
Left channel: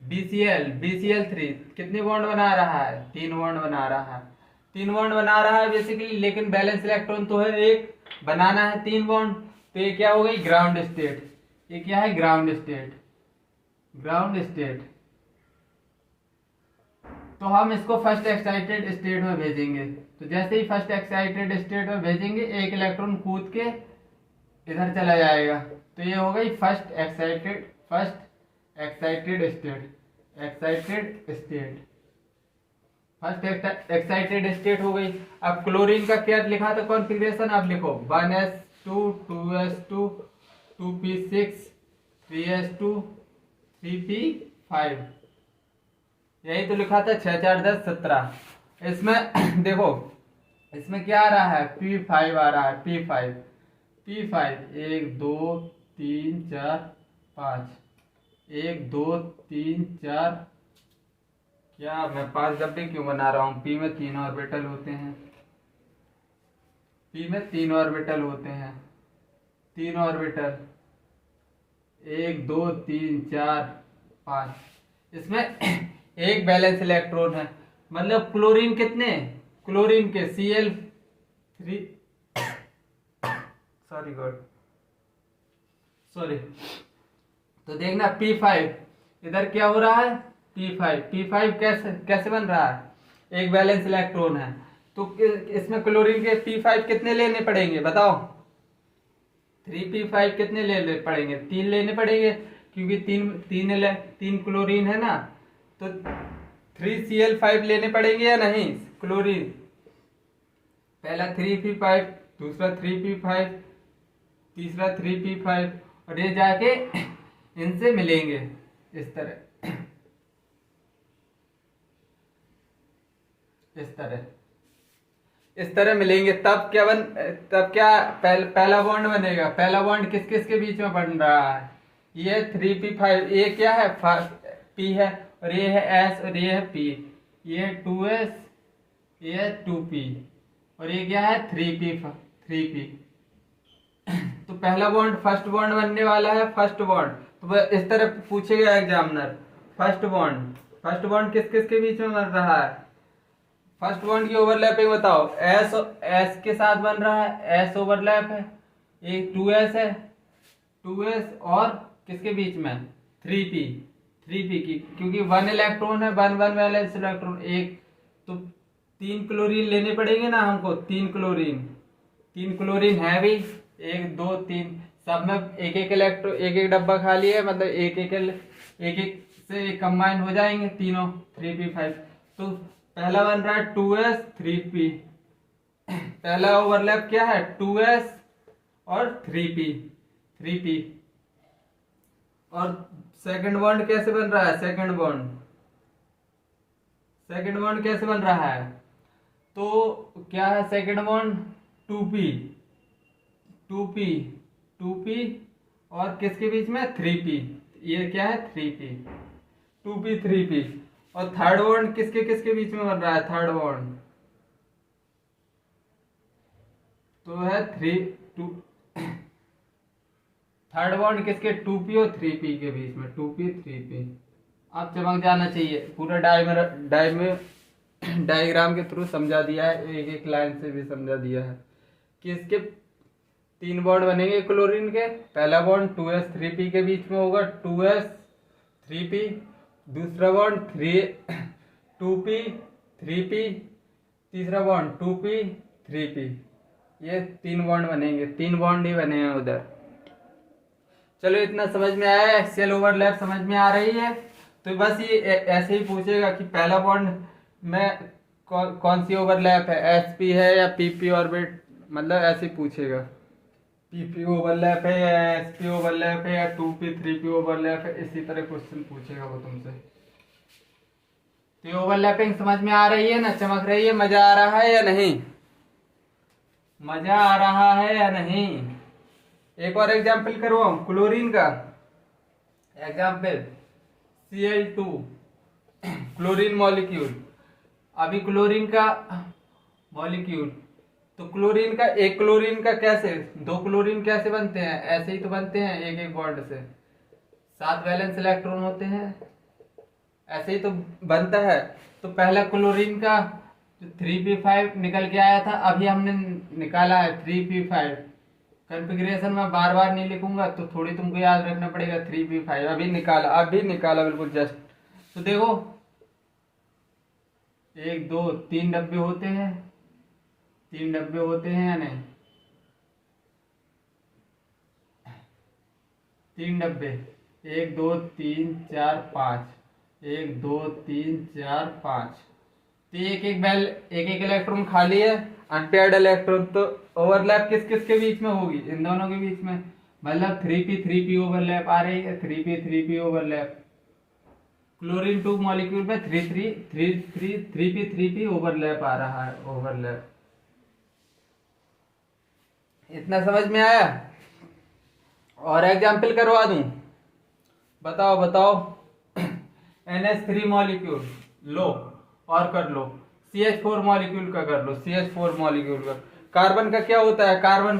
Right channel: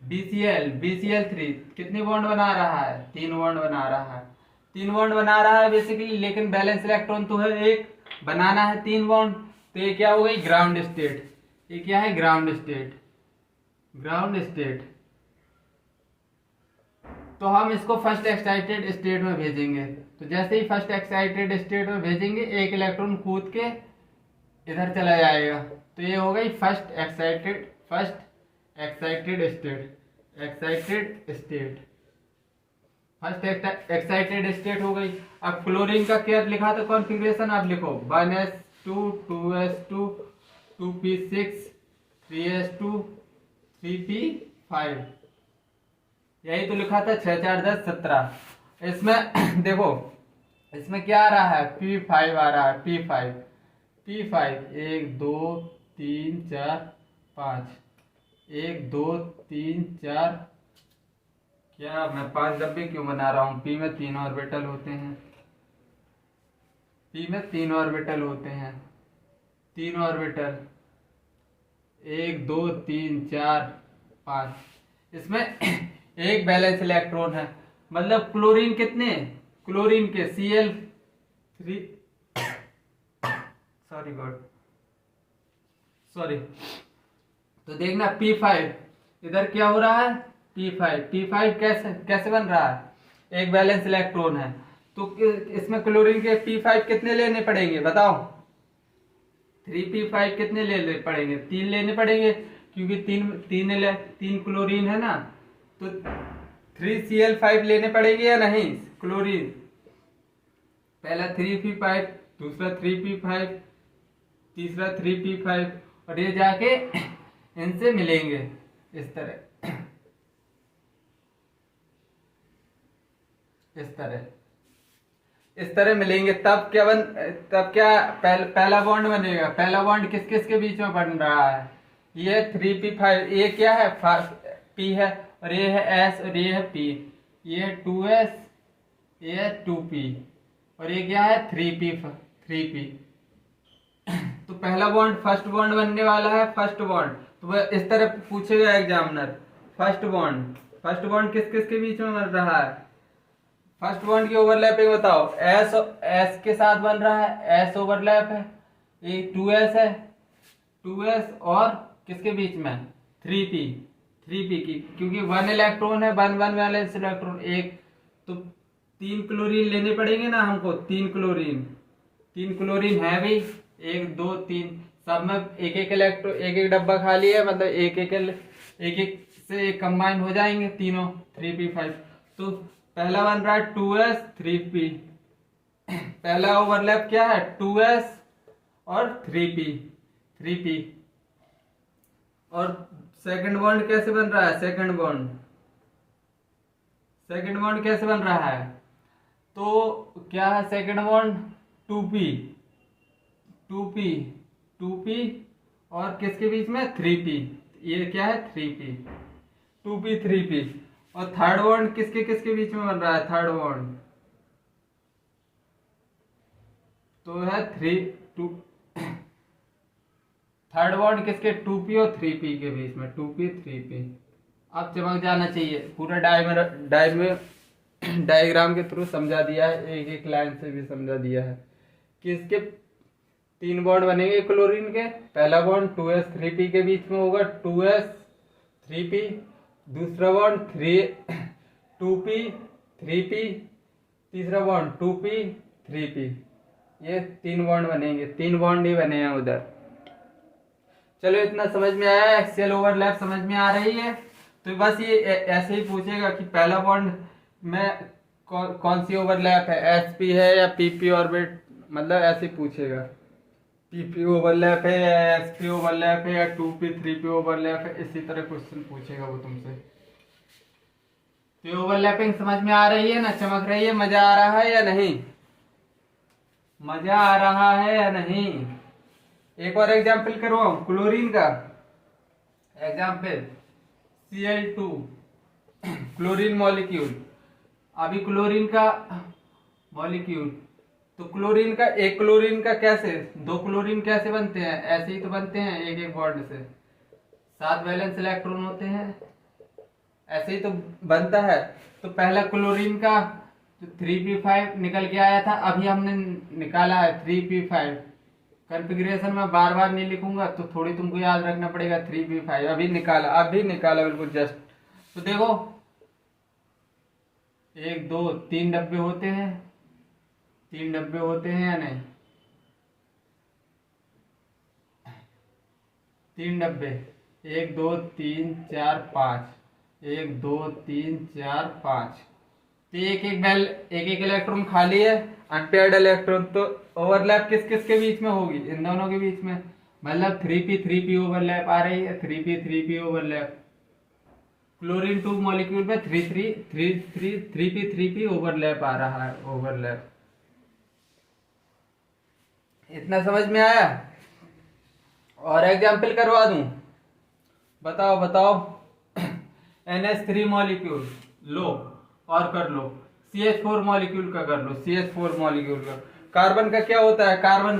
BCl3 कितने बॉन्ड बना रहा है, 3 बॉन्ड बना रहा है, 3 बॉन्ड बना रहा है बेसिकली, लेकिन बैलेंस इलेक्ट्रॉन तो है एक, बनाना है 3 बॉन्ड। तो ये क्या हो गई, ग्राउंड स्टेट। ये क्या है, ग्राउंड स्टेट। तो हम इसको फर्स्ट एक्साइटेड स्टेट में भेजेंगे। तो जैसे ही फर्स्ट एक्साइटेड स्टेट में भेजेंगे, एक इलेक्ट्रॉन कूद के इधर चला जाएगा, तो ये हो गई फर्स्ट एक्साइटेड स्टेट हो गई। अब क्लोरीन का क्या लिखा था कॉन्फ़िगरेशन, आप लिखो 1s2 2s2 2p6 3s2 3p5, यही तो लिखा था 6 4 10 17। इसमें देखो इसमें क्या आ रहा है, P5 आ रहा है, P5 1 2 3 4 5, 1 2 3 4, क्या मैं 5 डब्बे क्यों बना रहा हूँ? पी में 3 ऑर्बिटल होते हैं, पी में 3 ऑर्बिटल होते हैं, 3 ऑर्बिटल, 1 2 3 4 5, इसमें एक बैलेंस इलेक्ट्रॉन है, मतलब क्लोरीन कितने, क्लोरीन के Cl3, सॉरी, तो देखना P5 इधर क्या हो रहा है, P5 कैसे कैसे बन रहा है, एक बैलेंस इलेक्ट्रॉन है, तो इसमें क्लोरीन के P5 कितने लेने पड़ेंगे बताओ? 3P5 कितने लेने पड़ेंगे? 3 लेने पड़ेंगे, क्योंकि तीन क्लोरीन है ना, तो 3Cl5 लेने पड़ेंगे या नहीं? क्लोरीन पहला 3P5, दूसरा 3P5, तीसरा 3P5, और ये जाके इनसे मिलेंगे इस तरह, इस तरह मिलेंगे, तब क्या पहला बॉन्ड बनेगा। पहला बॉन्ड किस किस के बीच में बन रहा है? ये 3P5, ये क्या है, P है, और ये है S, और ये है P, ये है 2S, ये है 2P, और ये क्या है 3P। तो पहला बॉन्ड, फर्स्ट बॉन्ड बनने वाला है, फर्स्ट बॉन्ड, तो वह इस तरह पूछेगा एग्जामिनर, फर्स्ट बॉन्ड किस किस के बीच में बन रहा है? फर्स्ट बॉन्ड की ओवरलैपिंग बताओ। एस के साथ बन रहा है, एस ओवरलैप है, एक 2S है, 2S, और किसके बीच में? 3P की, क्योंकि 1 इलेक्ट्रॉन है, 1 वैलेंस इलेक्ट्रॉन एक, तो 3 क्लोरीन लेने पड़ेंगे ना हमको, 3 क्लोरीन है भी, 1 2 3, सब में एक एक डब्बा खाली है, मतलब एक से कंबाइन हो जाएंगे तीनों 3P5, तो पहला बन रहा है 2S 3P, पहला ओवरलैप क्या है 2S और 3P, और सेकंड बॉन्ड कैसे बन रहा है? सेकंड बॉन्ड कैसे बन रहा है? तो क्या है सेकंड बॉन्ड? 2P और किसके बीच में? 3P, ये क्या है 3P, और थर्ड बॉन्ड किसके बीच में बन रहा है? थर्ड बॉन्ड तो है थर्ड बॉन्ड किसके? 2P और 3P के बीच में, 2P 3P। अब चमक जाना चाहिए, पूरा डायग्राम के थ्रू समझा दिया है, एक एक लाइन से भी समझा दिया है कि इसके 3 बॉन्ड बनेंगे क्लोरीन के। पहला बॉन्ड 2S 3P के बीच में होगा, 2S 3P, दूसरा बॉन्ड 2P 3P, तीसरा बॉन्ड 2P 3P, ये 3 बॉन्ड बनेंगे, 3 बॉन्ड ही बने हैं उधर। चलो इतना समझ में आया, एक्सियल ओवरलैप समझ में आ रही है, तो बस ये ऐसे ही पूछेगा कि पहला बॉन्ड में कौन सी ओवरलैप है, SP है या PP ऑर्बिट, मतलब ऐसे ही पूछेगा, PP ओवरलैप है या SP ओवरलैप है या 2P 3P ओवरलैप है, इसी तरह क्वेश्चन पूछेगा वो तुमसे। तो ओवरलैपिंग समझ में आ रही है ना, चमक रही है, मजा आ रहा है या नहीं? मजा आ रहा है या नहीं? एक और एग्जाम्पल करवाऊं क्लोरीन का, एग्जाम्पल Cl2 क्लोरीन मॉलिक्यूल। अभी क्लोरीन का मॉलिक्यूल, तो एक क्लोरीन का कैसे, 2 क्लोरीन कैसे बनते हैं? ऐसे ही तो बनते हैं, एक एक बॉन्ड से, 7 वैलेंस इलेक्ट्रॉन होते हैं, ऐसे ही तो बनता है। तो पहला क्लोरीन का 3P5 निकल के आया था, अभी हमने निकाला है 3P5। कॉन्फ़िगरेशन में बार बार नहीं लिखूंगा, तो थोड़ी तुमको याद रखना पड़ेगा। 3P5 अभी निकाला बिल्कुल जस्ट। तो देखो 1 2 3 डब्बे होते हैं, 3 डब्बे होते हैं या नहीं? 3 डब्बे, 1 2 3 4 5, 1 2 3 4 5, तो एक एक इलेक्ट्रॉन खाली है, अनपेयर्ड इलेक्ट्रॉन, तो ओवरलैप किस किस के बीच में होगी? इन दोनों के बीच में, मतलब 3P ओवरलैप आ रही है, 3P ओवरलैप। क्लोरीन 2 मॉलिक्यूल में 3P ओवरलैप आ रहा है, ओवरलैप। इतना समझ में आया? और एग्जाम्पल करवा दूं? बताओ बताओ। NH3 मॉलिक्यूल लो और कर लो, CH4 मॉलिक्यूल का कर लो, CH4 मॉलिक्यूल का। कार्बन का क्या होता है, कार्बन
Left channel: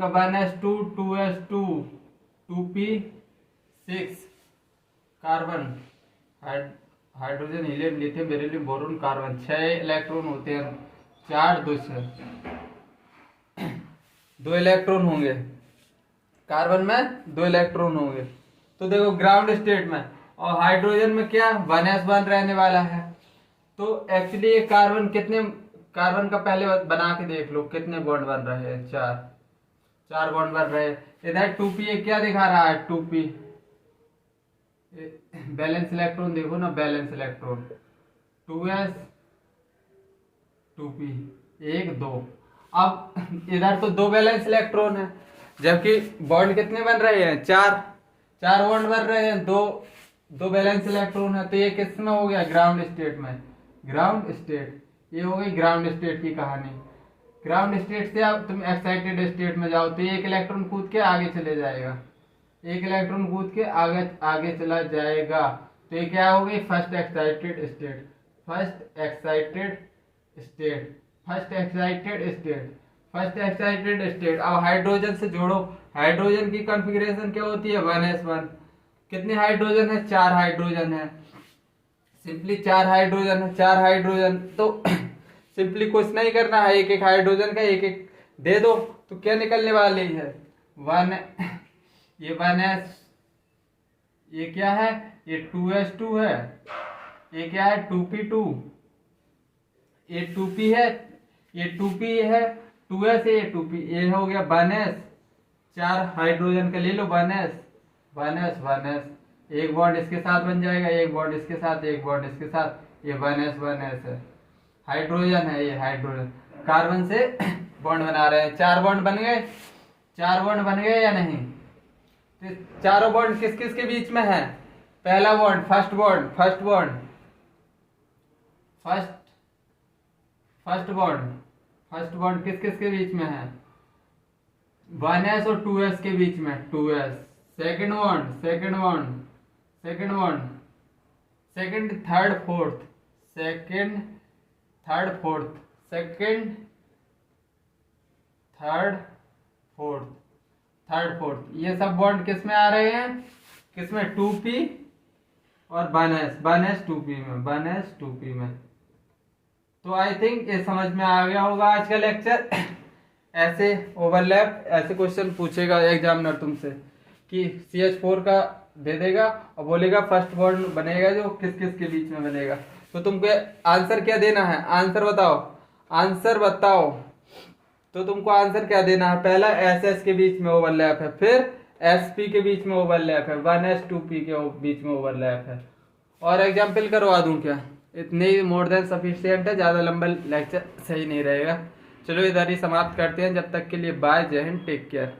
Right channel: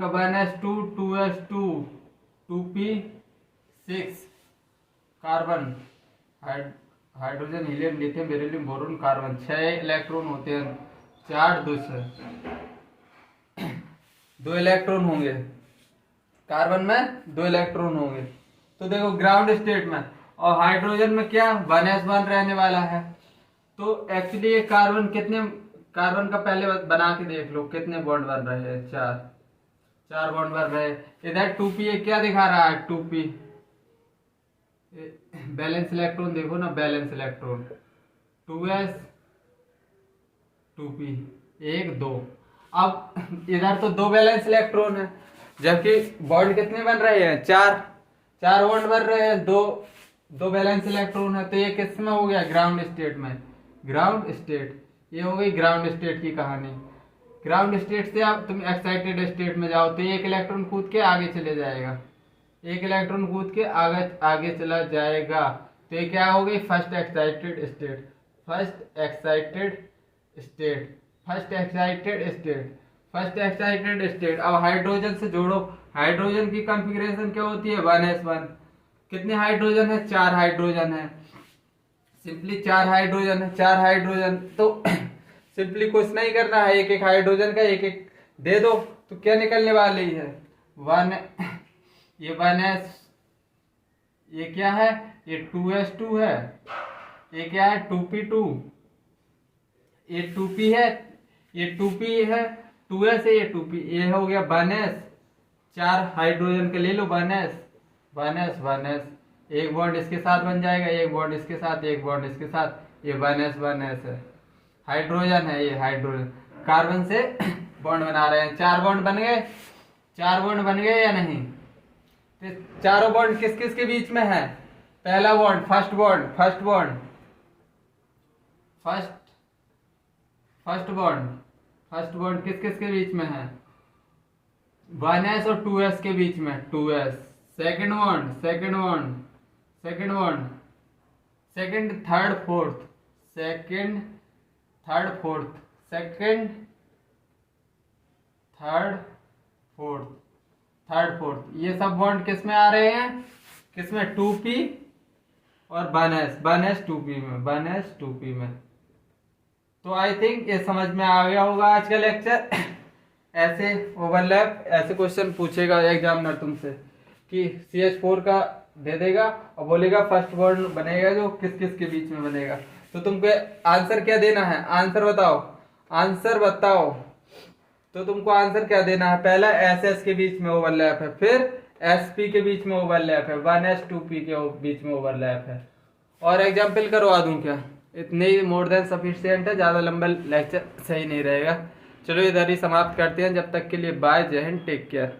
का 1s2 2s2 2p6 carbon, hydrogen helium lithium beryllium boron carbon, 6 electron होते हैं, 4 2 6 2 इलेक्ट्रॉन होंगे कार्बन में, 2 इलेक्ट्रॉन होंगे। तो देखो ग्राउंड स्टेट में, और हाइड्रोजन में क्या 1s1 रहने वाला है। तो एक्चुअली ये कार्बन का पहले बना के देख लो कितने बॉन्ड बन रहे हैं, 4 बॉन्ड बन रहे हैं। इधर 2p ये क्या दिखा रहा है, 2p बैलेंस इलेक्ट्रॉन देखो ना, बैलेंस इलेक्ट्रॉन 2s 2p 1 2। अब इधर तो 2 बैलेंस इलेक्ट्रॉन है, जबकि बॉन्ड कितने बन रहे हैं, 4 बॉन्ड बन रहे हैं, 2 बैलेंस इलेक्ट्रॉन है। तो ये किस में हो गया, ग्राउंड स्टेट में। ग्राउंड स्टेट, ये हो गई ग्राउंड स्टेट की कहानी। ग्राउंड स्टेट से अब तुम एक्साइटेड स्टेट में जाओ तो एक इलेक्ट्रॉन कूद के आगे चले जाएगा, एक इलेक्ट्रॉन कूद के आगे चला जाएगा। तो ये क्या हो गई, first excited state, first excited state, first excited state, first excited state. अब हाइड्रोजन से जोड़ो, हाइड्रोजन की कॉन्फ़िगरेशन क्या होती है, 1s1। कितने हाइड्रोजन है, 4 हाइड्रोजन है, सिंपली 4 हाइड्रोजन है, 4 हाइड्रोजन। तो सिंपली कुछ नहीं करना है, एक एक हाइड्रोजन का एक एक दे दो तो क्या निकलने वाली है, 1 ये 1s, ये क्या है, ये 2s2 है, ये क्या है 2p2, ये 2p है, ये 2p है, 2s है, ये 2p, ये हो गया 1s। 4 हाइड्रोजन का ले लो, 1s, एक बॉन्ड इसके साथ बन जाएगा, एक बॉन्ड इसके साथ, एक बॉन्ड इसके साथ, ये 1s है, हाइड्रोजन है, ये हाइड्रोजन कार्बन से बॉन्ड बना रहे हैं। 4 बॉन्ड बन गए, 4 बॉन्ड बन गए या नहीं। तो चारों बॉन्ड किस किस के बीच में है, पहला bond first bond first bond किस किस के बीच में है, 1s और 2s के बीच में, 2s। Second bond second third fourth, ये सब बॉन्ड किस में आ रहे हैं, किस में, 2p और 1s 2p में। तो आई थिंक ये समझ में आ गया होगा आज का लेक्चर। ऐसे ओवरलैप, ऐसे क्वेश्चन पूछेगा एग्जामिनर तुमसे कि CH4 का दे देगा और बोलेगा फर्स्ट बॉन्ड बनेगा जो किस किस के बीच में बनेगा। तो तुमको आंसर क्या देना है, आंसर बताओ। तो तुमको आंसर क्या देना है, पहला SS के बीच में ओवरलैप है, फिर SP के बीच में ओवरलैप है, 1s 2p के बीच में ओवरलैप है। और एग्जाम्पल करवा दूं क्या, इतने ही मोर देन सफिशिएंट है, ज़्यादा लंबा लेक्चर सही नहीं रहेगा। चलो इधर ही समाप्त करते हैं, जब तक के लिए बाय, जय हिंद, टेक केयर।